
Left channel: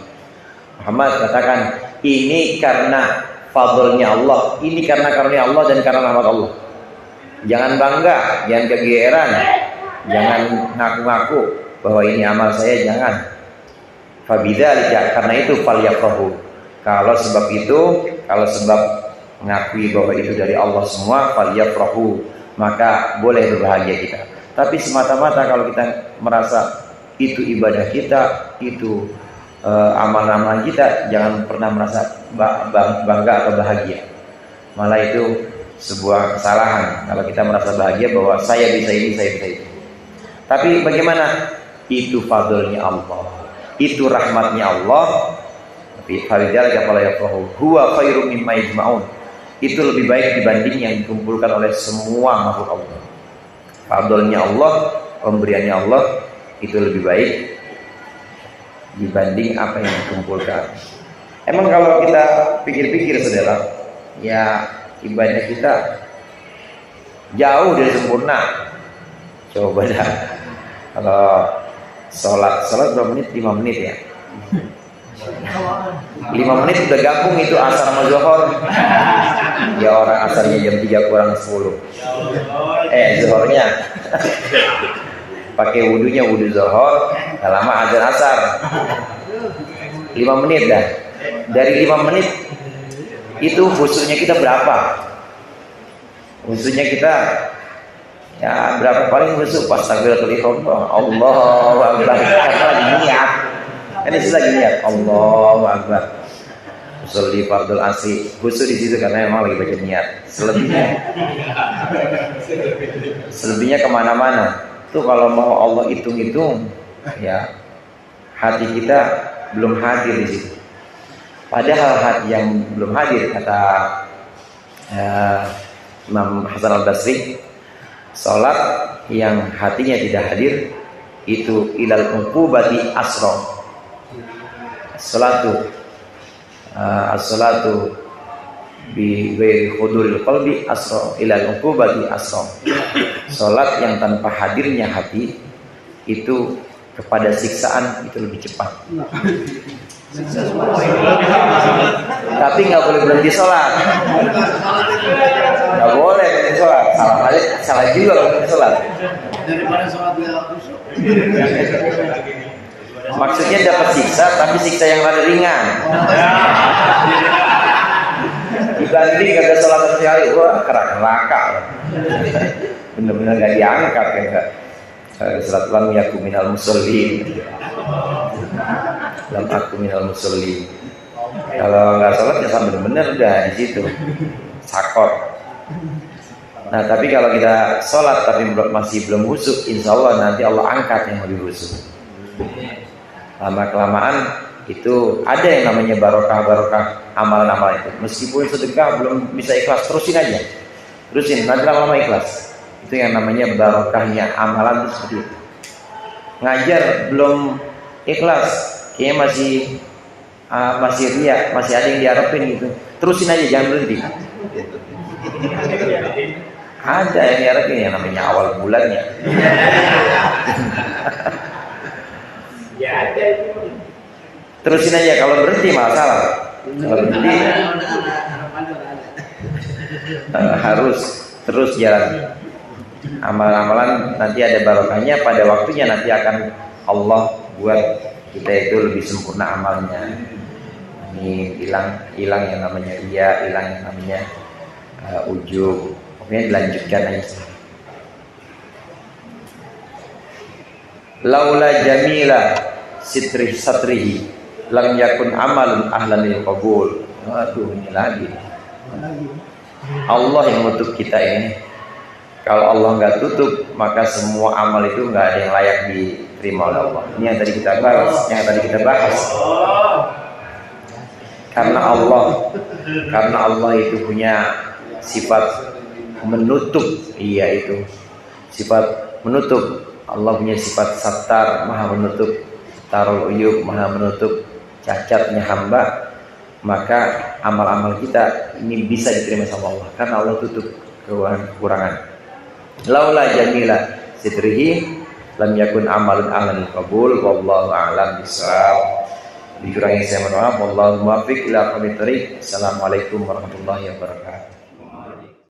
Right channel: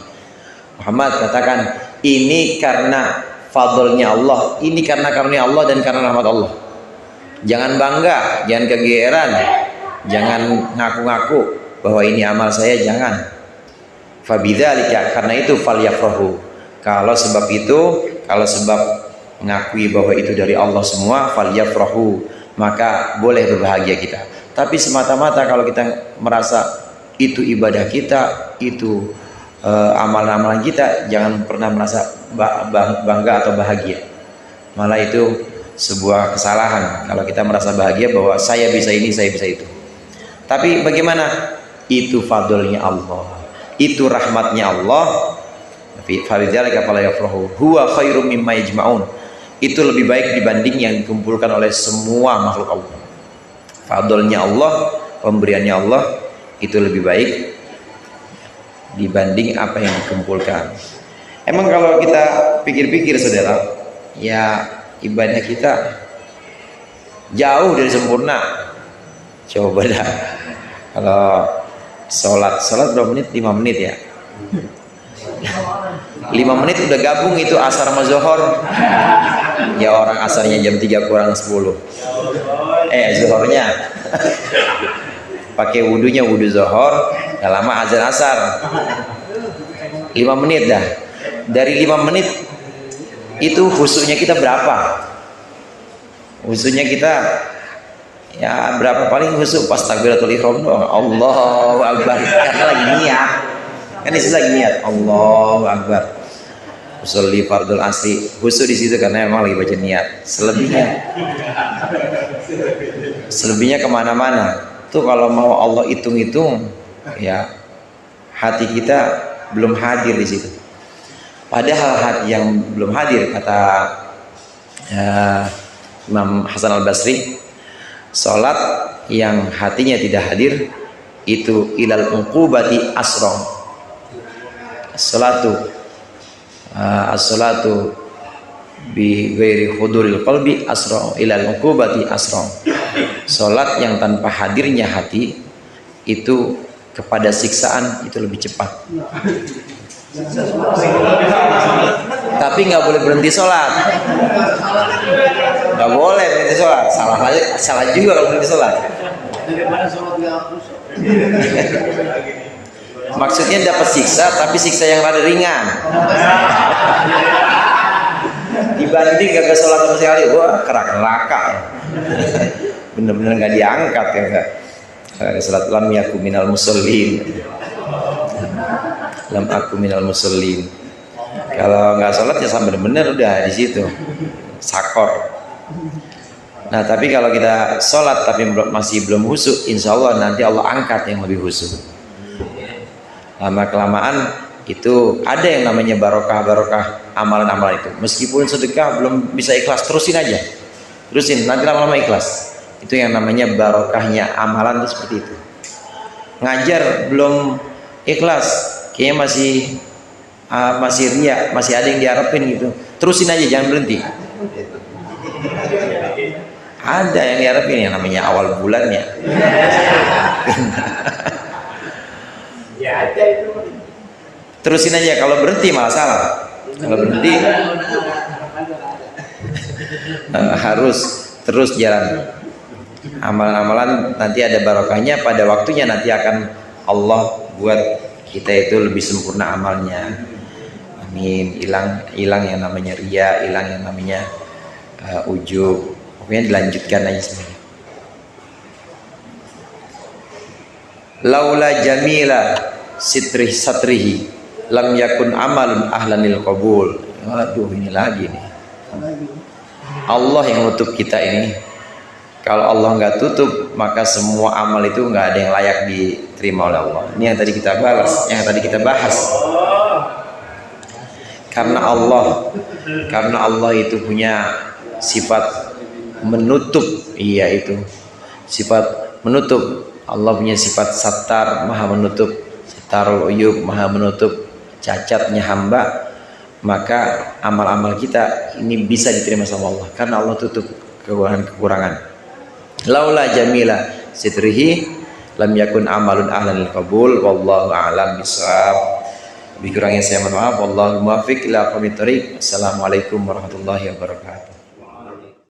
Muhammad katakan, ini karena fadlnya Allah, ini karena karunia Allah dan karena rahmat Allah. Jangan bangga, jangan kegeeran, jangan ngaku-ngaku bahwa ini amal saya, jangan. Fabidzalika, karena itu falyafrahu. Kalau sebab itu, kalau sebab mengakui bahwa itu dari Allah semua, falyafrahu, maka boleh berbahagia kita. Tapi semata-mata kalau kita merasa itu ibadah kita, itu amalan-amalan kita, jangan pernah merasa bangga atau bahagia. Malah itu sebuah kesalahan kalau kita merasa bahagia bahwa saya bisa ini, saya bisa itu. Tapi bagaimana? Itu fadlnya Allah, itu rahmatnya Allah. Fabidzalika falyafrahu huwa khairum mimma yajma'un. Itu lebih baik dibanding yang dikumpulkan oleh semua makhluk Allah. Fadlnya Allah, pemberiannya Allah itu lebih baik dibanding apa yang dikumpulkan. Emang kalau kita pikir-pikir saudara, ya ibadah kita jauh dari sempurna. Coba dah, kalau sholat berapa menit? 5 menit ya. 5 menit udah gabung itu asar sama zuhur. Ya orang asarnya jam 3 kurang 10. Zuhurnya pakai wudunya wudu zuhur, gak lama azan asar. 5 menit dah. Dari 5 menit itu khusyuknya kita berapa? Khusyuknya kita Ya berapa paling khusyuk pas takbiratul ihram doang. Allahu akbar. Karena lagi niat. Kan di situ lagi niat. Allahu akbar. Usolli fardul asri. Khusyuk di situ karena emang lagi baca niat. Selebihnya kemana-mana. Tuh kalau mau Allah hitung-hitung, ya hati kita belum hadir di situ. Padahal hati yang belum hadir, kata Imam Hasan Al Basri, salat yang hatinya tidak hadir itu ilal uqubati asra. As-salatu bi ghairi huduril qalbi asra ilal uqubati asra. Salat yang tanpa hadirnya hati itu kepada siksaan itu lebih cepat. Tapi nggak boleh berhenti sholat. Nggak boleh berhenti sholat. Salah juga kalau berhenti sholat. Daripada sholat nggak khusyuk. Maksudnya dapat siksa, tapi siksa yang ada ringan. Dibanding gak sholat sama sekali, wah kerak neraka. Bener-bener nggak diangkat ya enggak. Salat lam yaku minal musallin. Lam aku minal musallin. Kalau nggak sholat ya sama bener-bener udah di situ sakor. Nah tapi kalau kita sholat tapi masih belum khusyuk, insya Allah nanti Allah angkat yang lebih khusyuk. Lama kelamaan itu ada yang namanya barokah amalan-amalan itu. Meskipun sedekah belum bisa ikhlas, terusin aja, terusin nanti lama-lama ikhlas. Itu yang namanya barokahnya amalan itu seperti itu. Ngajar belum ikhlas, kayaknya masih riya, masih ada yang diharapin gitu. Terusin aja, jangan berhenti. Ada yang diharapin yang namanya awal bulannya. Terusin aja, kalau berhenti masalah. Kalau berhenti harus terus jalan. Amalan-amalan nanti ada barokahnya, pada waktunya nanti akan Allah buat kita itu lebih sempurna amalnya. Amin. Hilang yang namanya riya, hilang yang namanya ujub. Pokoknya dilanjutkan aja semua. Laula jamila satrihi lam yakun amalun ahlanil qabul. Aduh, ini lagi nih. Allah yang nutup kita ini. Kalau Allah nggak tutup, maka semua amal itu nggak ada yang layak diterima oleh Allah. Ini yang tadi kita bahas, Karena Allah itu punya sifat menutup, itu sifat menutup. Allah punya sifat sattar, maha menutup, sattarul uyub, maha menutup cacatnya hamba. Maka amal-amal kita ini bisa diterima sama Allah karena Allah tutup kekurangan. Laula jamila sitrihi lam yakun amalun ahlanil qabul. Wallahu a'lam bishawab. Dikurangnya saya mohon maaf. Wallahu muwaffiq ila aqwamit thoriq. Assalamualaikum warahmatullahi wabarakatuh.